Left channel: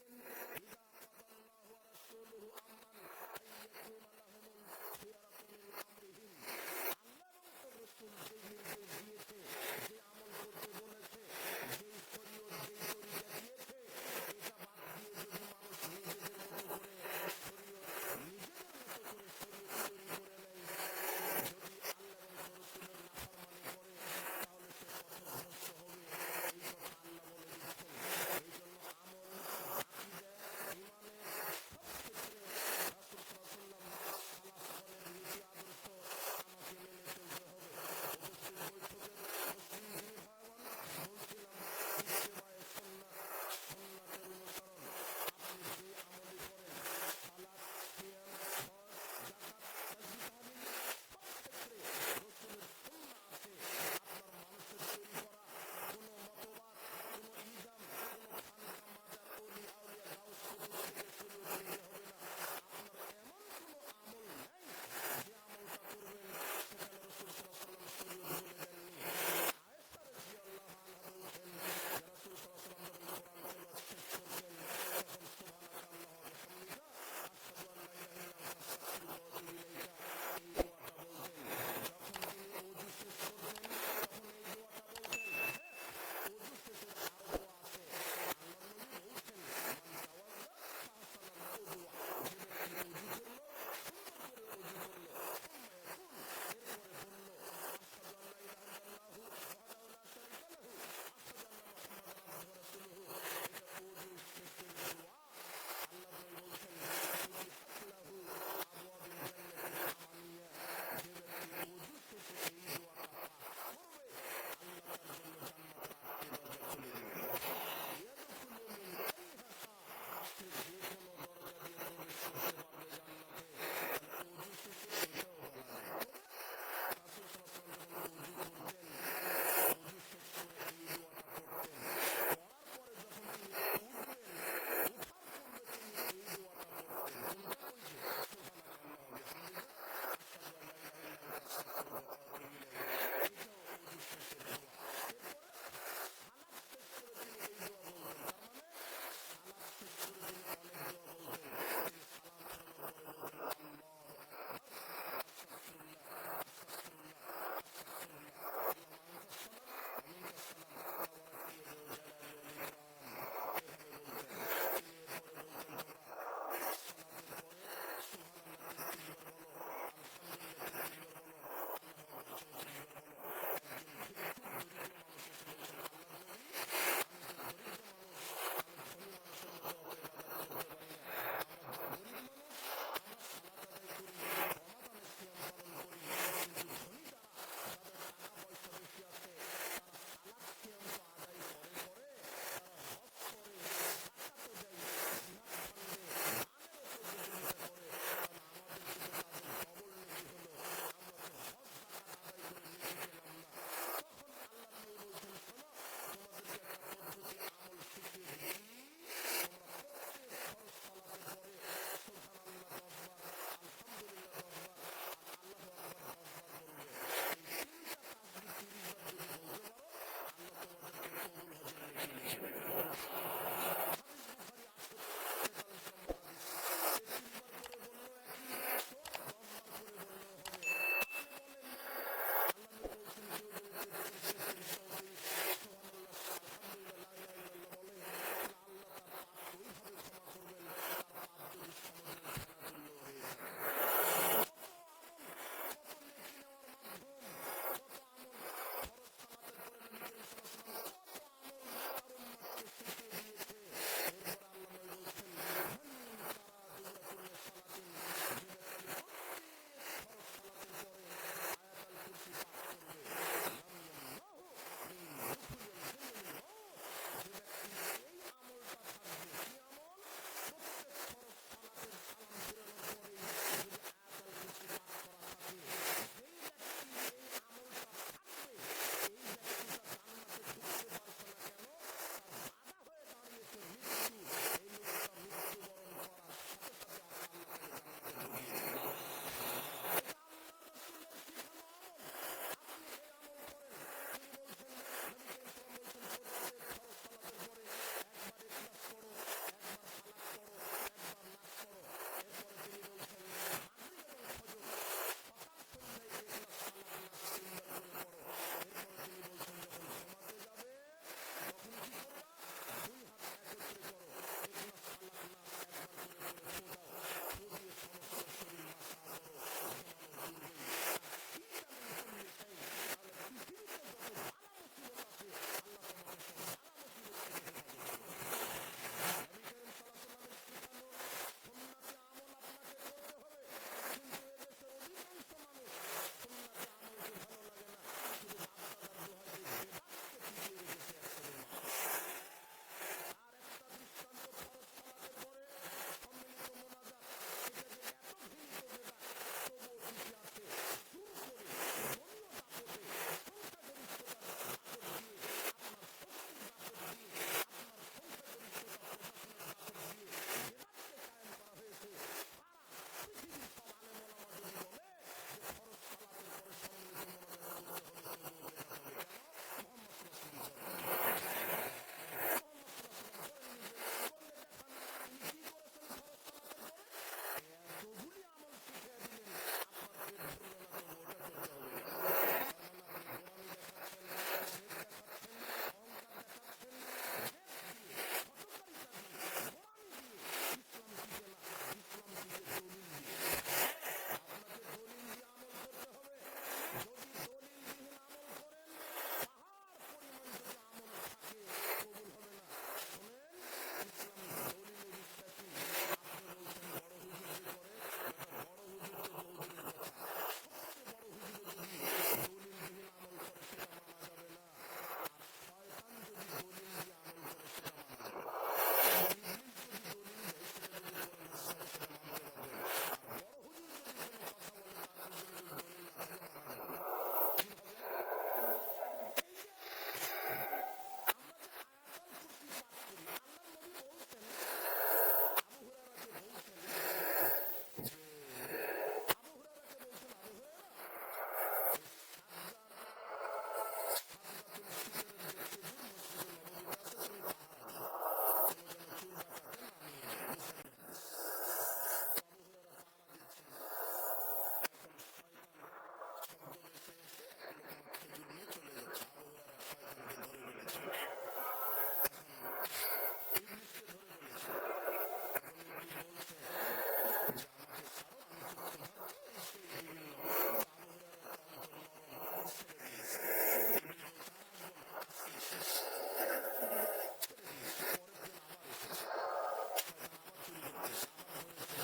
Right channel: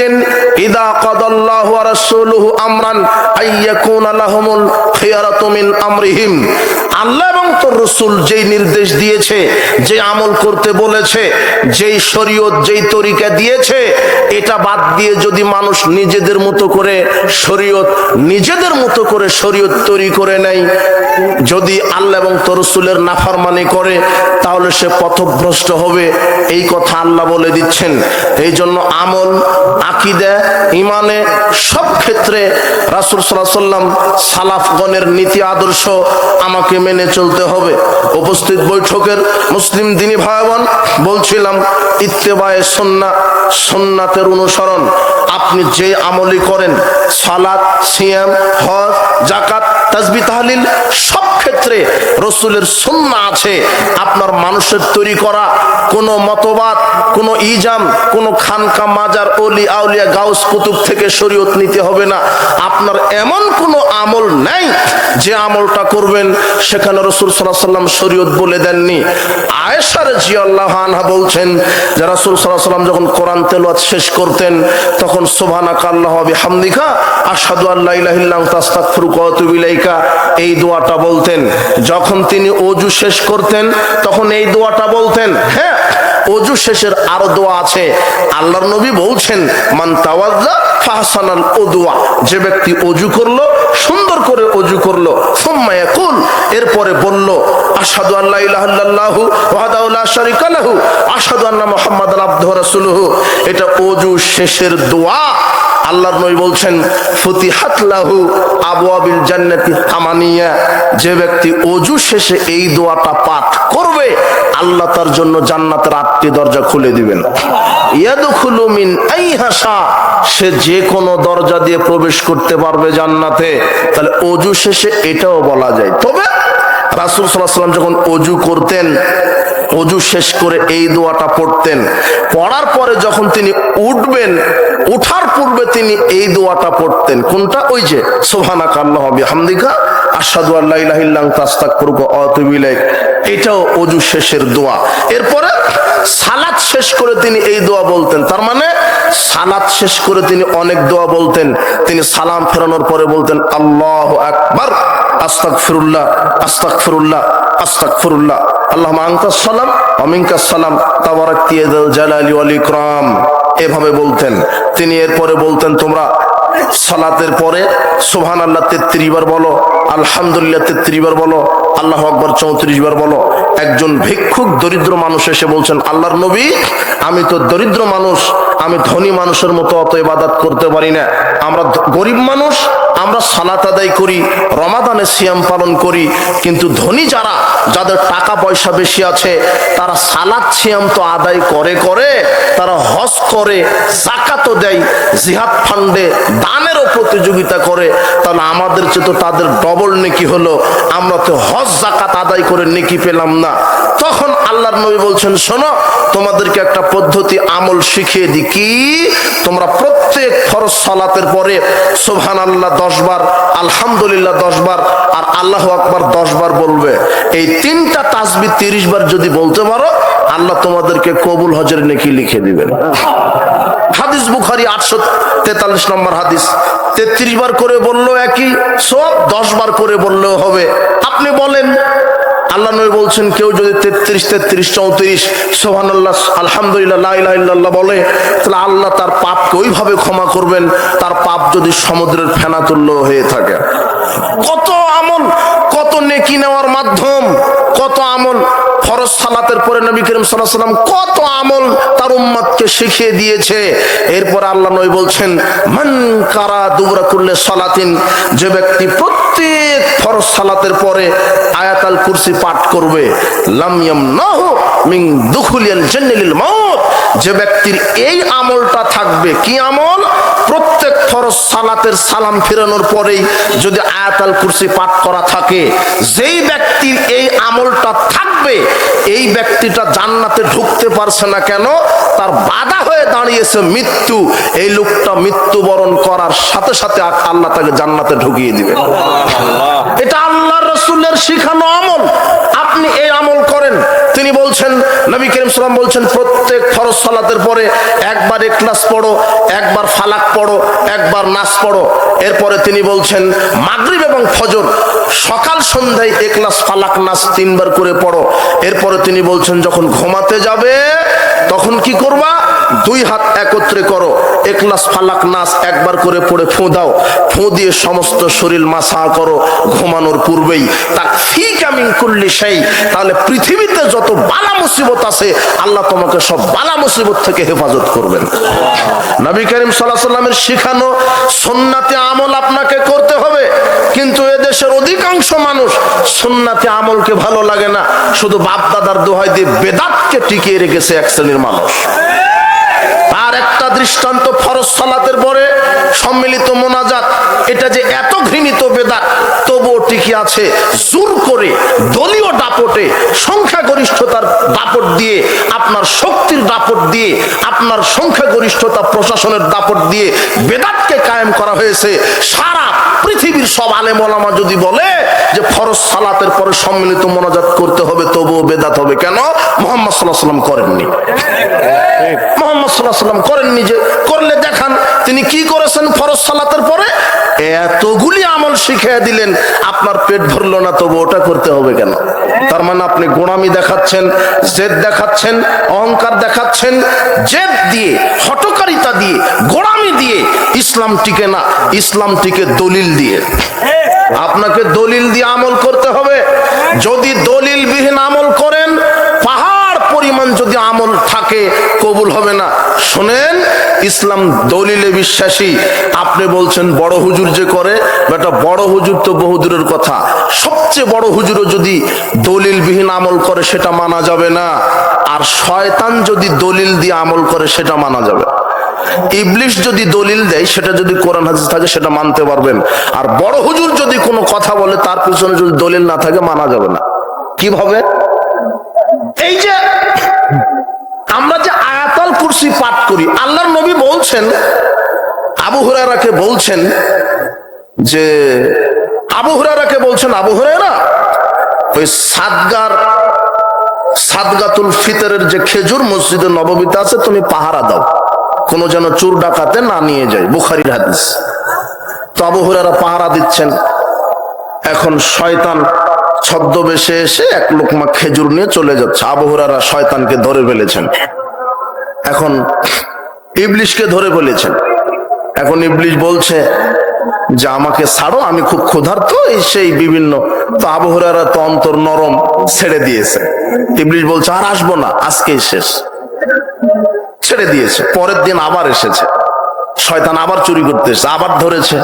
লিমিটেন ইদা কাদাল্লাহু ওয়া রাসূলুহু আমরান আইয়াকুনা লাহুমুল খিয়ারাতু মিন আমরিহিম। আল্লাহ এবং তোর রাসূল যেই নির্দেশ দিয়েছে, যে আমল করতে বলেছে, যেই শরীয়ত যেই তরিকা দিয়েছে, এটা বাদ দিয়ে যদি মানুষ নিজেদের মতো করে শরীয়ত তৈরি করে নেয়, যদি আল্লাহ এবং তোর রাসূলের নাফরমানি করে, তাহলে সে পথভ্রষ্ট হবে। এই কথা আল্লাহ বলে দিচ্ছেন। এই জন্য আমল, আকীদা, ইমানে সব ক্ষেত্রে রাসূল সাল্লাল্লাহু আলাইহি ওয়াসাল্লাম সালাফগণের নীতি আদর্শ আমাকে মেনে চলতে হবে। উপস্থিত বৈঠকের মুসলিম দিনী ভাই বোন, বলছিলাম ইত্তেবায়ে সুন্নাহ, সুন্নাতের অনুসরণ। আপনি যে আমলই করেন, সালাত, সিয়াম, হজ, যাকাত, তাসবিহ, তাহলিল, সব ক্ষেত্রে রাসূলের সুন্নাহ আছে। আপনার মানুষের তৈরি করা কোনো মতবাদ, কোনো ইজাম, কোনো খানকা, মাজার, ওলি আউলিয়া, গাউস, কুতুব থেকে শরীয়ত নিতে হবে না। আপনার এমন কোনো আমল নাই যে আমলটা করবেন সেখানে রাসূল সাল্লাল্লাহু আলাইহি ওয়াসাল্লাম শরীয়ত বলে দেননি। আয়েশা রাদিয়াল্লাহু আনহা বলছেন যে রাসূল সাল্লাল্লাহু আলাইহি ওয়াসাল্লাম যখন কোরআন তেলাওয়াত শেষ করতেন, তখন সুবহানাকা আল্লাহুম্মা ওয়া বিহামদিকা আশহাদু আল্লা ইলাহা ইল্লা আনতা আস্তাগফিরুকা ওয়া আতুবু ইলাইকা, এই দোয়াটা বলতেন। যখন তিনি ওযু শেষ করতেন, তখন এই দোয়াটা বলতেন। হ্যাঁ, ওযু শেষের আরো দোয়া আছে। আল্লাহর নবী বলছেন, মান তাওয়াজ্জা ফাহসানাল উদুয়া, যে ব্যক্তি ওযু করলো, সুন্দর করে ওযু করলো, সুম্মা ইয়াকুল, এরপরে বলল আশহাদু আল্লা ইলাহা ইল্লাল্লাহু ওয়াহদাহু লা শারীকা লাহু আশহাদু আন্না মুহাম্মাদান আবদুহু ওয়া রাসূলুহু, এটা ওযু শেষের দোয়া। আল্লাহর নবী বলছেন ফুতিহাত লাহু আবওয়াবিল জান্নাতি আমানিয়া, যে ব্যক্তি ওযু শেষে এই দোয়াটা পাঠ করবে, আল্লাহ তার জন্য জান্নাতের 8টি দরজা খুলে দিবেন। ইয়াদখুলু মিন আইহাশা, সে যে কোনো দরজা দিয়ে প্রবেশ করতে পারবে জান্নাতে। তাহলে ওযু শেষে এটাও বলা যায়। তবে রাসূল সাল্লাল্লাহু আলাইহি ওয়াসাল্লাম যখন ওযু করতেন, ওযু শেষ করে এই দোয়াটা পড়তেন। পড়ার পরে যখন তিনি উঠবেন, উঠার পূর্বে তিনি এই দোয়াটা পড়তেন। কোনটা? ওই যে সুবহানাকা আল্লাহুম্মা ওয়া বিহামদিকা আশহাদু আল্লা ইলাহা ইল্লা আনতা আস্তাগফিরুকা ওয়া আতুবু ইলাইক, এটাও ওযু শেষের দোয়া। এরপরে সালাত শেষ করে তিনি এই দোয়া বলতেন। তার মানে সালাত শেষ করে তিনি অনেক দোয়া বলতেন। তিনি সালাম ফেরানোর পরে বলতেন আল্লাহু আকবার, আস্তাগফিরুল্লাহ, আস্তাগফিরুল্লাহ, আস্তাগফিরুল্লাহ, আল্লাহুম্মা আনতাস সালাম ওয়া মিনকাস সালাম তাবারাকতা ইয়া যাল জালালি ওয়াল ইকরাম, এভাবে বলতেন তিনি। এরপরে বলতেন তোমরা সালাতের পরে সুবহানাল্লাহ 33 বার বলো, আলহামদুলিল্লাহ 33 বার বলো, আল্লাহু আকবার 34 বার বলো। একজন ভিক্ষুক দরিদ্র মানুষ এসে বলছেন, আল্লাহর নবী, আমি তো দরিদ্র মানুষ, আমি ধনী মানুষের মতো অত ইবাদত করতে পারি না। আমরা গরিব মানুষ, আমরা সালাত আদায় করি, রমাদানে সিয়াম পালন করি, কিন্তু ধনী যারা, যাদের টাকা পয়সা বেশি আছে, তারা সালাত সিয়াম তো আদায় করে, তারা হজ করে, যাকাতও দেয়, জিহাদ ফান্ডে দানেরও প্রতিযোগিতা করে, তাহলে আমাদের চেয়ে তো তাদের ডবল নেকি হলো। আমরা তো হজ যাকাত আদায় করে নেকি পেলাম না। তখন আল্লাহর নবী বলছেন, শোনো, তোমাদেরকে একটা পদ্ধতি আমল শিখিয়ে দিই। কি? তোমরা প্রত্যেক ফরজ সালাতের পরে সুবহানাল্লাহ 10 বার, আলহামদুলিল্লাহ 10 বার, আর আল্লাহু আকবার 10 বার বলবে। এই 3টা তাসবিহ 30 বার যদি বলতে পারো, আল্লাহ তোমাদেরকে কবুল হজের নেকি লিখে দিবেন। হাদিস বুখারী 843 নম্বর হাদিস। 33 বার করে বললেও একই সওয়াব, 10 বার করে বললেও হবে। আপনি বলেন, আল্লাহ নবী বলছেন কেউ যদি 33, 34 সুবহানাল্লাহ, আলহামদুলিল্লাহ, লা ইলাহা ইল্লাল্লাহ বলে, তাহলে আল্লাহ তার পাপকে ওইভাবে ক্ষমা করবেন, তার পাপ যদি সমুদ্রের ফেনা তুল্য হয়ে থাকে। কত আমল, কত নেকি নেওয়ার মাধ্যম, কত আমল। ফরজ সালাতের পরে নবী করিম সাল্লাল্লাহু আলাইহি ওয়াসাল্লাম কত আমল তার উম্মতকে শিখিয়ে দিয়েছে। এরপর আল্লাহ নবী বলছেন, মান কারা দুবরা কুল্লি সালাতিন, যে ব্যক্তি প্রত্যেক ফরজ সালাতের পরে আয়াতুল কুরসি পাঠ করবে, লাম ইয়ামনাহু মিন দুখুলিল জান্নাতিল মাউত, যে ব্যক্তির এই আমলটা থাকবে। কি আমল? প্রত্যেক ফরজ সালাতের সালাম ফেরানোর পরেই যদি আয়াতুল কুরসি পাঠ করা থাকে, যেই ব্যক্তির এই আমলটা থাকবে, এই ব্যক্তিটা জান্নাতে ঢুকতে পারছে না কেন? তার বাধা হয়ে দাঁড়িয়েছে মৃত্যু। এই লোকটা মৃত্যুবরণ করার সাথে সাথে আল্লাহ তাকে জান্নাতে ঢুকিয়ে দিবে। এটা আল্লাহ রাসূলের শিখানো আমল, আপনি এই আমল করেন। তিনি বলছেন, নবী করিম সাল্লাল্লাহু আলাইহি ওয়াসাল্লাম বলছেন, প্রত্যেক ফরজ সালাতের পরে একবার ইখলাস পড়ো, একবার ফালাক পড়ো, একবার নাস পড়ো। এরপরে তিনি বলছেন মাগরিব এবং ফজর সকাল সন্ধ্যায় ইখলাস ফালাক নাস 3 বার করে পড়ো। এরপরে তিনি বলছেন যখন ঘুমাতে যাবে তখন কি করবা, 2 হাত একত্রে করো, ইখলাস ফালাক নাস একবার করে পড়ে ফু দাও, ফু দিয়ে সমস্ত শরীর মাসা করো ঘুমানোর পূর্বেই। তাকফিকা মিন কুল্লি শাই, তাহলে পৃথিবীতে যত বালা মুসিবত আছে আল্লাহ তোমাকে সব বালা মুসিবত থেকে হেফাজত করবেন। নবী করিম সাল্লাল্লাহু আলাইহি ওয়াসাল্লামের শিখানো সুন্নাতে আমল আপনাকে করতে হবে, কিন্তু এদেশের অধিকাংশ মানুষ সুন্নাতে আমলকে ভালো লাগে না, শুধু বাপ দাদার দোহাই দিয়ে বেদাতকে টিকিয়ে রেখেছে এক শ্রেণীর মানুষ। আর একটা দৃষ্টান্ত, ফরজ সালাতের পরে সম্মিলিত মোনাজাত, এটা যে এত ঘৃণিত বেদাত তবুও টিকে আছে জোর করে দলীয় দাপটে, সংখ্যাগরিষ্ঠতার দাপট দিয়ে, আপনার শক্তির দাপট দিয়ে, আপনার সংখ্যাগরিষ্ঠতা প্রশাসনের দাপট দিয়ে বেদাতকে কায়েম করা হয়েছে। সারা পৃথিবীর সব আলেম ওলামা যদি বলে যে ফরজ সালাতের পরে সম্মিলিত মোনাজাত করতে হবে, তবুও বেদাত হবে কেন? মুহাম্মদ সাল্লাল্লাহু আলাইহি ওয়াসাল্লাম করেননি। মুহাম্মদ সাল্লাল্লাহু আলাইহি ওয়াসাল্লাম করেননি, যে করলে দেখান তিনি কি করেছেন ফরজ সালাতের পরে। এতগুলি আমল শিখিয়ে দিলেন, আপনার পেট ভরলো না, তবু ওটা করতে হবে কেন? তার মানে আপনি গোড়ামি দেখাচ্ছেন, জেদ দেখাচ্ছেন, অহংকার দেখাচ্ছেন। জেদ দিয়ে, হঠকারিতা দিয়ে, গোড়ামি দিয়ে ইসলাম টিকে না, ইসলাম টিকে দলিল দিয়ে। আপনাকে দলিল দিয়ে আমল করতে হবে। যদি দলিল বিহীন আমল করেন, পাহাড় পরিমাণ যদি আমল থাকে, কবুল হবে না। শুনেন, ইসলাম দলিলে বিশ্বাসী। আপনি বলছেন বড় হুজুর যে করে, বেটা বড় হুজুর তো বহুদূরের কথা, সবচেয়ে বড় হুজুরও যদি দলিল বিহীন আমল করে সেটা মানা যাবে না। আর শয়তান যদি দলিল দিয়ে আমল করে সেটা মানা যাবে। ইবলিশ যদি দলিল দেয়, সেটা যদি কোরআন হাদিস থাকে সেটা মানতে পারবেন। আর বড় হুজুর যদি কোনো কথা বলে, তার পিছনে যদি দলিল না থাকে, মানা যাবে না। কিভাবে? এই যে আমরা যে আয়াতুল কুরসি পাঠ করি, আল্লাহর নবী বলছেন, আবু হুরায়রাকে বলছেন যে, আবু হুরায়রা ওই সাদগাতুল ফিতরের যে খেজুর মসজিদে নববীতে আছে, তুমি পাহারা দাও, কোনো যেন চোর ডাকাতে না নিয়ে যায়। বুখারীর হাদিস। তো আবু হুরায়রা পাহারা দিচ্ছেন। এখন শয়তান ছদ্মবেশে এসে এক লোকমা খেজুর নিয়ে চলে যাচ্ছে। আবু হুরায়রা শয়তানকে ধরে ফেলেছেন, এখন ইবলিশকে ধরে ফেলেছেন। এখন ইবলিশ বলছে যে আমাকে ছাড়ো, আমি খুব ক্ষুধার্ত, এই সেই বিভিন্ন। তো আবু হুরায়রা তো অন্তর নরম, ছেড়ে দিয়েছে। ইবলিশ বলছে আর আসবো না, আজকেই শেষ। ছেড়ে দিয়েছে। পরের দিন আবার এসেছে, শয়তান আবার চুরি করতে এসেছে, আবার ধরেছে,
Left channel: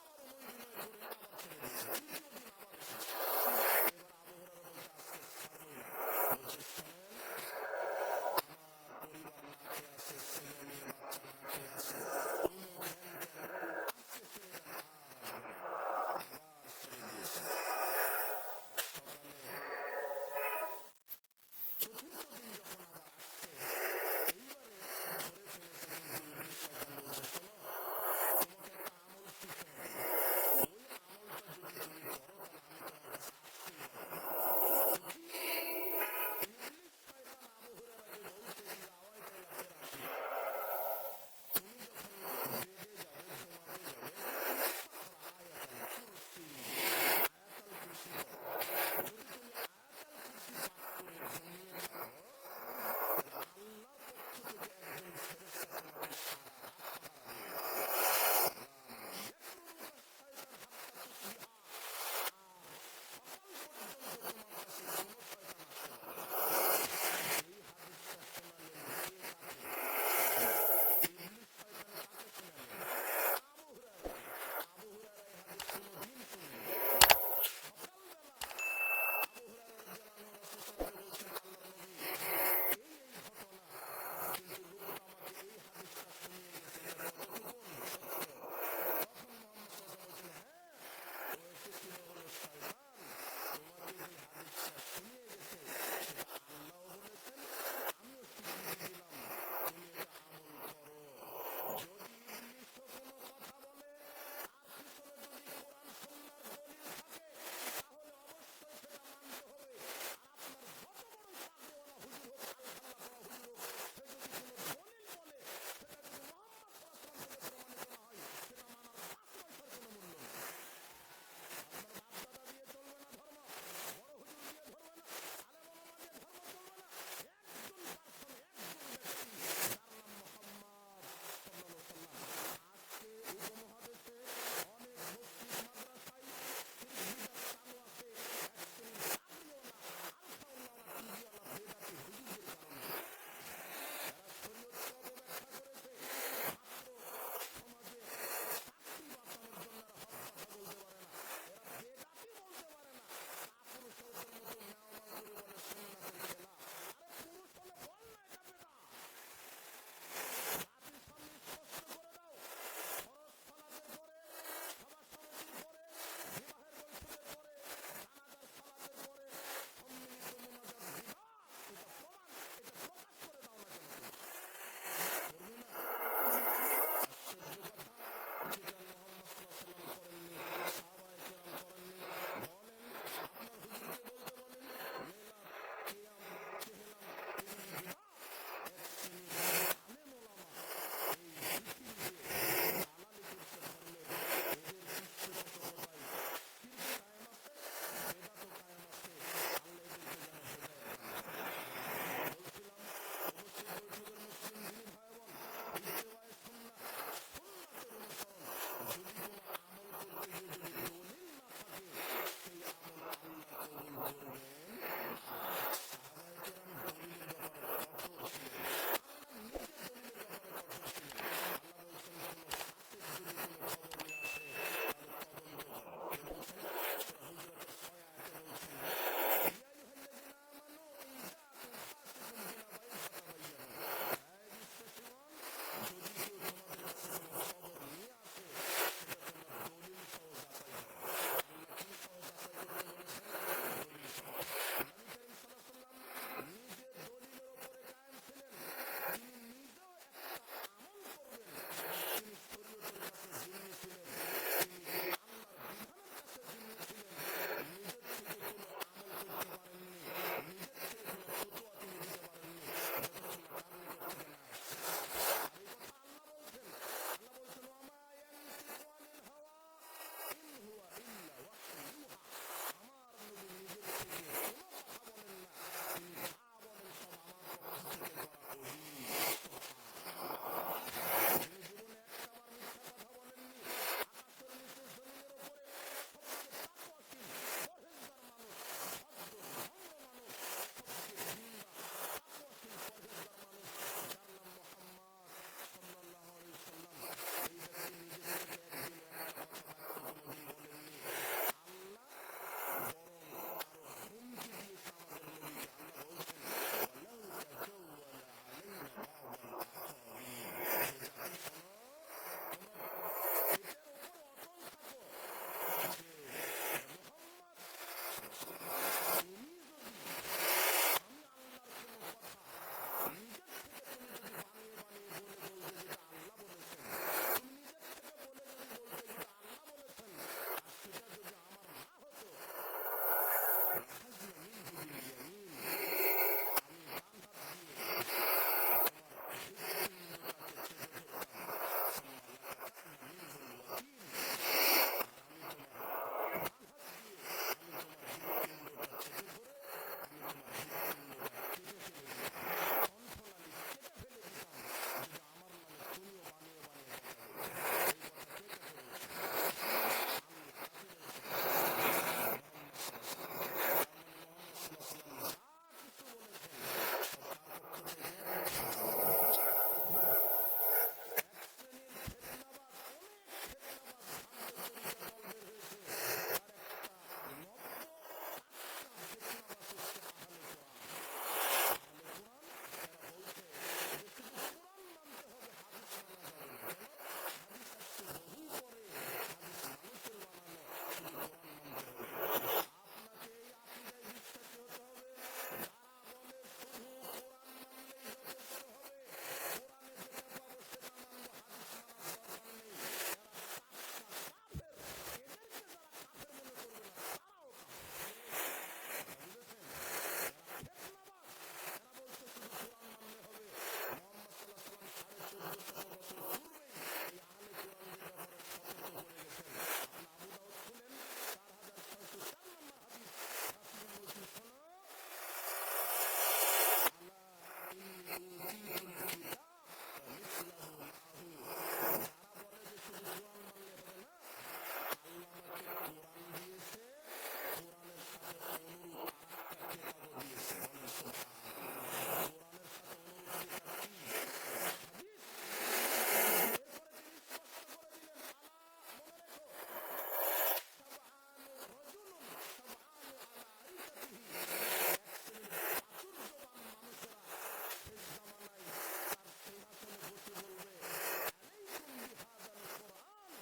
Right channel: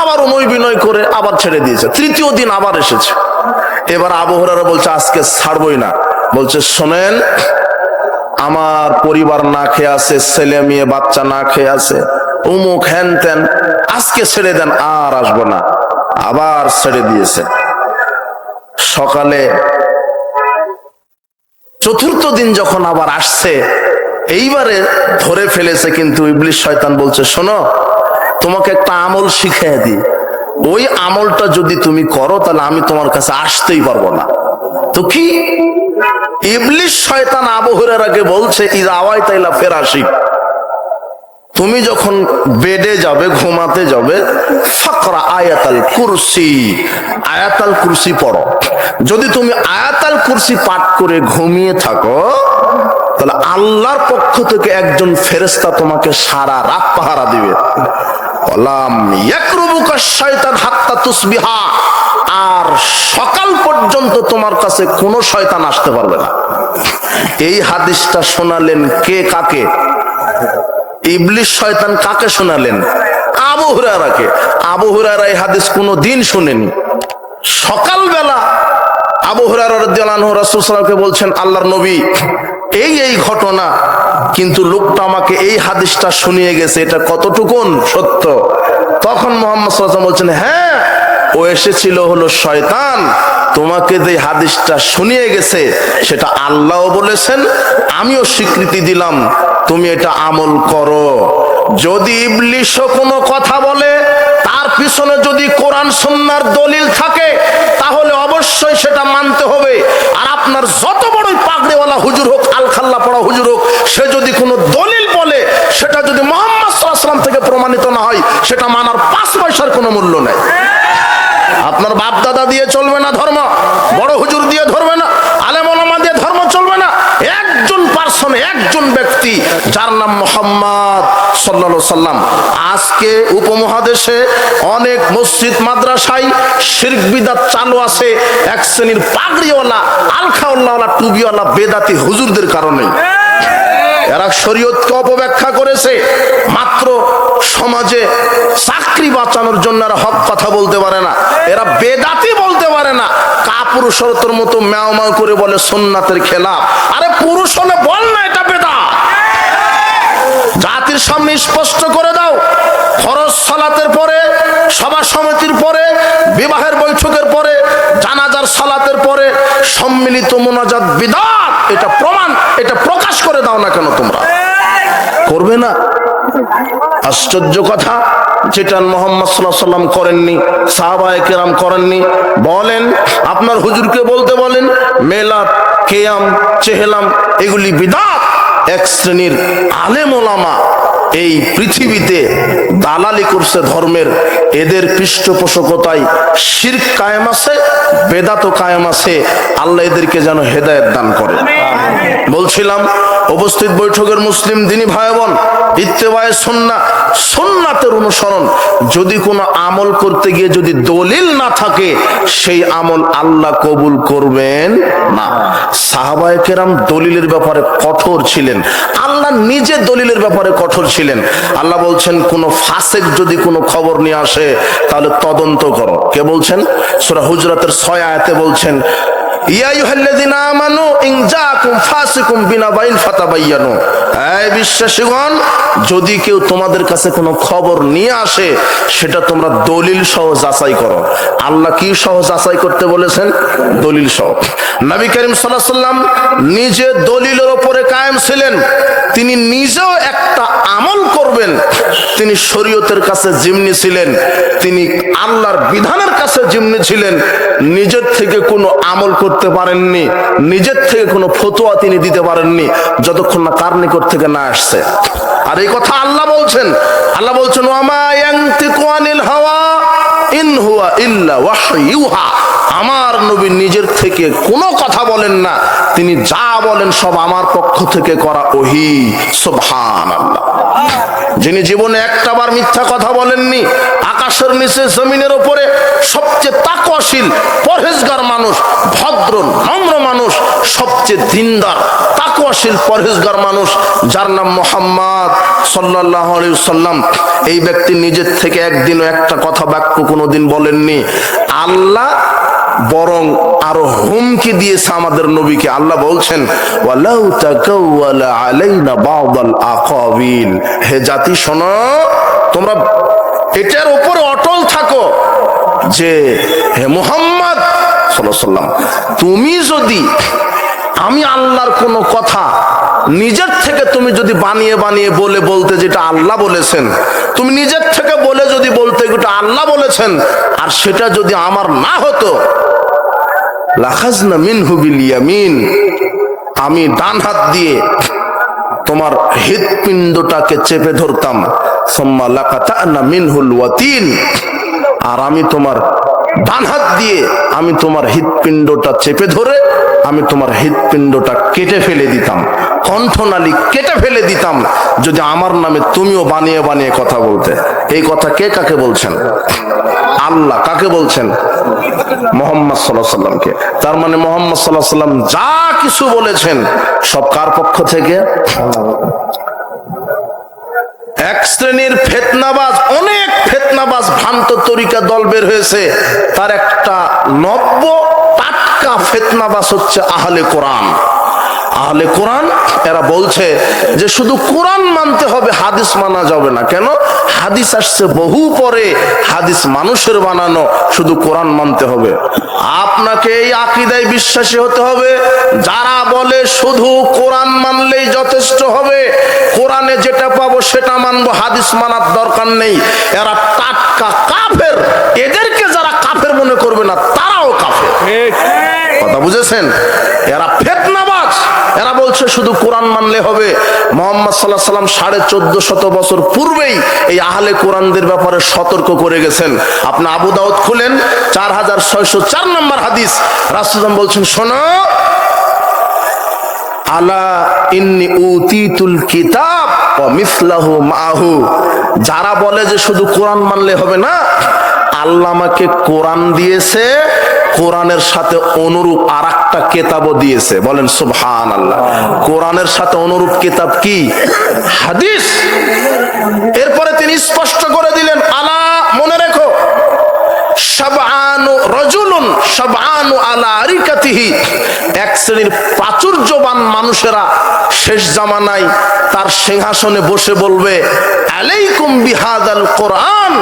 আবার অনুয় বিনয় করে আবার ছেড়ে দিয়েছে। তৃতীয় দিন আবার এসেছে। এবার আবু হুরায়রা বলছে আজকে ছাড়বই না। বলছে শোনেন, আমার পরিবার না খেয়ে আছে, ছেলে মেয়ে বাচ্চা না খেয়ে আছে, অমুক হ্যান ত্যান, আজকে ছেড়ে দেন, আর আসবো না। আবার ছেড়ে দিয়েছে। সকালে চতুর্থ দিন যখন আবার আসছে, এইবারে ধরে ফেলেছে। কিন্তু ইবলিশ শয়তান বলছে শোনো, তোমাকে একটা আমল শিখিয়ে দিই, ওই আমলটা যদি তুমি করো তাহলে আমি তোমার কাছে আসতেই পারবো না। তো কি? ইবলিশ শয়তান আবু হুরায়রাকে বলছে ইযা আওয়াইতা ইলা ফিরাশিক, তুমি যখন বেডে যাবে, ঘুমাতে যাবে, ফাকরা আয়াতুল কুরসি, আয়াতুল কুরসি পড়ো। যদি তুমি আয়াতুল কুরসি পাঠ করে ঘুমিয়ে থাকো, তাহলে আল্লাহর পক্ষ থেকে একজন ফেরেশতা তোমাকে সারা রাত পাহারা দিবে। ওয়ালাম ইয়াকরুবুকা শাইতান হাত্তা তুসবিহা, আর সকাল পর্যন্ত তোমার কাছে কোনো শয়তান আসতে পারবে না। এই হাদিসটা শোনালেন কে কাকে? ইবলিশ শয়তান কাকে শোনালেন? আবু হুরায়রাকে। আবু হুরায়রা এই হাদিস কোনো দিন শুনেনি। সকালবেলা আবু হুরায়রা রাদিয়াল্লাহু আনহু রাসূল সাল্লাল্লাহু আলাইহি ওয়াসাল্লামকে বলছেন, আল্লাহর নবী এই ঘটনা, কিন্তু লোকটা আমাকে এই হাদিসটা শুনিয়ে গেছে, এটা কতটুকুন সত্য? তখন মুহাম্মদ সাল্লাল্লাহু আলাইহি ওয়াসাল্লাম বলছেন, হ্যাঁ, ও এসেছিল হলো শয়তান, তোমাকে যে হাদিসটা শুনিয়ে গেছে সেটা আল্লাহও বলেছেন, আমিও স্বীকৃতি দিলাম, তুমি এটা আমল করো। যদি ইবলিশও কোনো কথা বলে, তার পিছনে যদি কোরআন সুন্নাহর দলিল থাকে তাহলে অবশ্যই সেটা মানতে হবে। আর আপনার যত বড়ই পাগড়িওয়ালা হুজুর হোক, আলখাল্লা পড়া হুজুর হোক, সে যদি কোনো দলিল বলে সেটা যদি মুহাম্মদ সাল্লাল্লাহু আলাইহি ওয়াসাল্লাম থেকে প্রমাণিত না হয়, সেটা মানার 5 পয়সার কোনো মূল্য নেই। আপনার বাপ দাদা দিয়ে চলবে না ধর্ম, বড় হুজুর দিয়ে ধরবে না, আলেম ওলামা দিয়ে ধর্ম চলবে না। একজন পার্সন, একজন ব্যক্তি যার নাম মুহাম্মদ সাল্লাল্লাহু আলাইহি সাল্লাম। আজকে উপমহাদেশে অনেক মসজিদ মাদ্রাসায় শিরক বিদআত চালু আছে এক শ্রেণীর পাগড়িওয়ালা, আলখাওয়ালা, টুবিওয়ালা বেদাতি হুজুরদের কারণে। এরা শরীয়তকে অপব্যাখ্যা করেছে, মাত্র সমাজে চাকরি বাঁচানোর জন্য এরা হক কথা বলতে পারে না, এরা বেদাতি বলতে পারে না। কাপুরুষের মতো ম্যাও ম্যাও করে বলে সুন্নাতের খেলাফ। আরে পুরুষ হলে বল না এটা বেদাত। জাতির সামনে স্পষ্ট করে দাও, ফরজ সালাতের পরে, সভা সমিতির পরে, বিবাহের বৈঠকের পরে, জানাজার সালাতের পরে সম্মিলিত মুনাজাত বিদআত। এটা প্রমাণ, এটা প্রকাশ করে দাও না কেন তোমরা? করবে না? আশ্চর্য কথা, যেটা মুহাম্মদ সাল্লাল্লাহু আলাইহি ওয়াসাল্লাম করেননি, সাহাবায়ে কেরাম করেননি। বলেন, আপনার হুজুরকে বলতে বলেন মেলাদ, কিয়াম, চেহলাম এগুলি বিদআত। এক শ্রেণীর আলেম ওলামা এই পৃথিবীতে দালালি করছে ধর্মের, এদের পৃষ্ঠপোষকতায় শিরক কায়েম আছে, বেদাত কায়েম আছে। আল্লাহ এদেরকে যেন হেদায়েত দান করে। বলছিলাম, উপস্থিত বৈঠকের মুসলিম দিনী ভাই বোন, ইত্তেবায়ে সুন্নাহ, সুন্নাতের অনুসরণ। যদি কোনো আমল করতে গিয়ে যদি দলিল না থাকে, সেই আমল আল্লাহ কবুল করবেন না। সাহাবায়ে কেরাম দলিলের ব্যাপারে কঠোর ছিলেন, আল্লাহ নিজে দলিলের ব্যাপারে কঠোর ছিলেন। আল্লাহ বলছেন, কোন ফাসিক যদি কোনো খবর নিয়ে আসে তাহলে তদন্ত করো। কে বলছেন? সূরা হুজরাতের 6 আয়াতে বলছেন, ইয়া আইয়ুহাল্লাযীনা আমানু ইন জাআকুম ফাসিকুম বিনাবাইন ফাতাবায়ানু। এই বিশ্বাসীগণ, যদি কেউ তোমাদের কাছে কোনো খবর নিয়ে আসে, সেটা তোমরা দলিল সহ যাচাই করো। আল্লাহ কি সহ যাচাই করতে বলেছেন? দলিল সহ। নবী করিম সাল্লাল্লাহু আলাইহি সাল্লাম নিজে দলিলের উপরে কায়েম ছিলেন। তিনি নিজেও একটা আমল করবেন, তিনি শরীয়তের কাছে জিম্মি ছিলেন, তিনি আল্লাহর বিধানের কাছে জিম্মি ছিলেন। নিজের থেকে কোনো আমল করতে পারেননি, নিজের থেকে কোনো ফতোয়া তিনি দিতে পারেননি, যতক্ষণ না কার নিকট থেকে না আসছে। আর এই কথা আল্লাহ বলছেন, আল্লাহ বলছেন, ওয়ামা ইয়ানতিকু আনিল হাওয়া ইন হুয়া ইল্লা ওয়াহয়ুহা। আমার নবী নিজের থেকে কোনো কথা বলেন না, তিনি যা বলেন সব আমার পক্ষ থেকে করা ওহী। সুবহানাল্লাহ। যিনি জীবনে একটাবার মিথ্যা কথা বলেননি, আকাশের নিচে জমিনের উপরে সবচেয়ে তাকওয়াশীল পরহেজগার মানুষ, ভদ্র নম্র মানুষ, সবচেয়ে দিনদার তাকওয়াশীল পরহেজগার মানুষ, যার নাম মুহাম্মদ সাল্লাল্লাহু আলাইহি ওয়াসাল্লাম। এই ব্যক্তি নিজের থেকে একদিনও একটা কথা বাক্য কোনোদিন বলেননি। আল্লাহ বরং আরো হুমকি দিয়েছে আমাদের নবীকে। আল্লাহ বলছেন, ওয়ালাউ তাকাওয়ালা আলাইনা বা'দাল আকাবিল। হে জাতি শোনো, তোমরা এটার উপরে অটল থাকো যে হে মুহাম্মদ সাল্লাল্লাহু আলাইহি ওয়াসাল্লাম, তুমি যদি আমি আল্লাহর কোনো কথা নিজের থেকে তুমি যদি বানিয়ে বানিয়ে বলতে যেটা আল্লাহ বলেছেন, তুমি নিজের থেকে বলে যদি বলতে যেটা আল্লাহ বলেছেন, আর সেটা যদি আমার না হতো, লাখাজনা মিনহু বিল ইয়ামিন, আমি ডান হাত দিয়ে তোমার হৃৎপিণ্ডটাকে চেপে ধরতাম, সুম্মা লাকাতানা মিনহুল ওয়াতিন, আর আমি তোমার ডান হাত দিয়ে আমি তোমার হৃৎপিণ্ডটা চেপে ধরে আমি তোমার হৃৎপিণ্ডটা কেটে ফেলে দিতাম, কণ্ঠনালী কেটে ফেলে দিতাম, যদি আমার নামে তুমিও বানিয়ে বানিয়ে কথা বলতে। এই কথা কে কাকে বলছেন? আল্লাহ। কাকে বলছেন? মুহাম্মদ সাল্লাল্লাহু আলাইহি ওয়াসাল্লামকে। তার মানে মুহাম্মদ সাল্লাল্লাহু আলাইহি ওয়াসাল্লাম যা কিছু বলেছেন সব কার পক্ষ থেকে? এক শ্রেণীর ফিতনাবাজ, অনেক ফিতনাবাজ ভ্রান্ত তরিকা দল বের হয়েছে, তার একটা নব্য টাটকা ফিতনাবাজ হচ্ছে আহলে কোরআন। আহলে কোরআন এরা বলছে যে শুধু কোরআন মানতে হবে, হাদিস মানা যাবে না। কেন? হাদিস আসছে বহু পরে, হাদিস মানুষের বানানো, শুধু কোরআন মানতে হবে। আপনাকে এই আকীদায় বিশ্বাসী হতে হবে যারা বলে শুধু কোরআন মানলেই যথেষ্ট হবে, কোরআনে যেটা পাবো সেটা মানবো, হাদিস মানার দরকার নেই। এরা টাটকা কাফের। এদেরকে যারা কাফের মনে করবে না তারাও কাফের। কথা বুঝেছেন? এরা ফিতনাবাজ। এরা বলছে শুধু কোরআন মানলে হবে। মুহাম্মদ সাল্লাল্লাহু আলাইহি ওয়াসাল্লাম 1450 বছর পূর্বেই এই আহলে কোরআনদের ব্যাপারে সতর্ক করে গেছেন। আপনি আবু দাউদ খুলেন, 4604 নম্বর হাদিস, রাসূল বলছেন, শোনো, আলা ইন্নী উতিতুল কিতাব ওয়া মিসলাহু মাহু। যারা বলে যে শুধু কোরআন মানলে হবে না, আল্লাহ আমাকে কোরআন দিয়েছে, কোরআনের সাথে অনুরূপ আরেকটা কিতাবও দিয়েছে। বলেন সুবহানাল্লাহ। কোরআনের সাথে অনুরূপ কিতাব কি? হাদিস। এরপরে তিনি স্পষ্ট করে দিলেন, আলা, মনে রেখো, শাবআনু রাজুলুন শাবআনু আলা আরিকাতিহি। এক শ্রেণীর প্রাচুর্যবান মানুষেরা শেষ জামানায় তার সিংহাসনে বসে বলবে, আলাইকুম বিহাদাল কোরআন,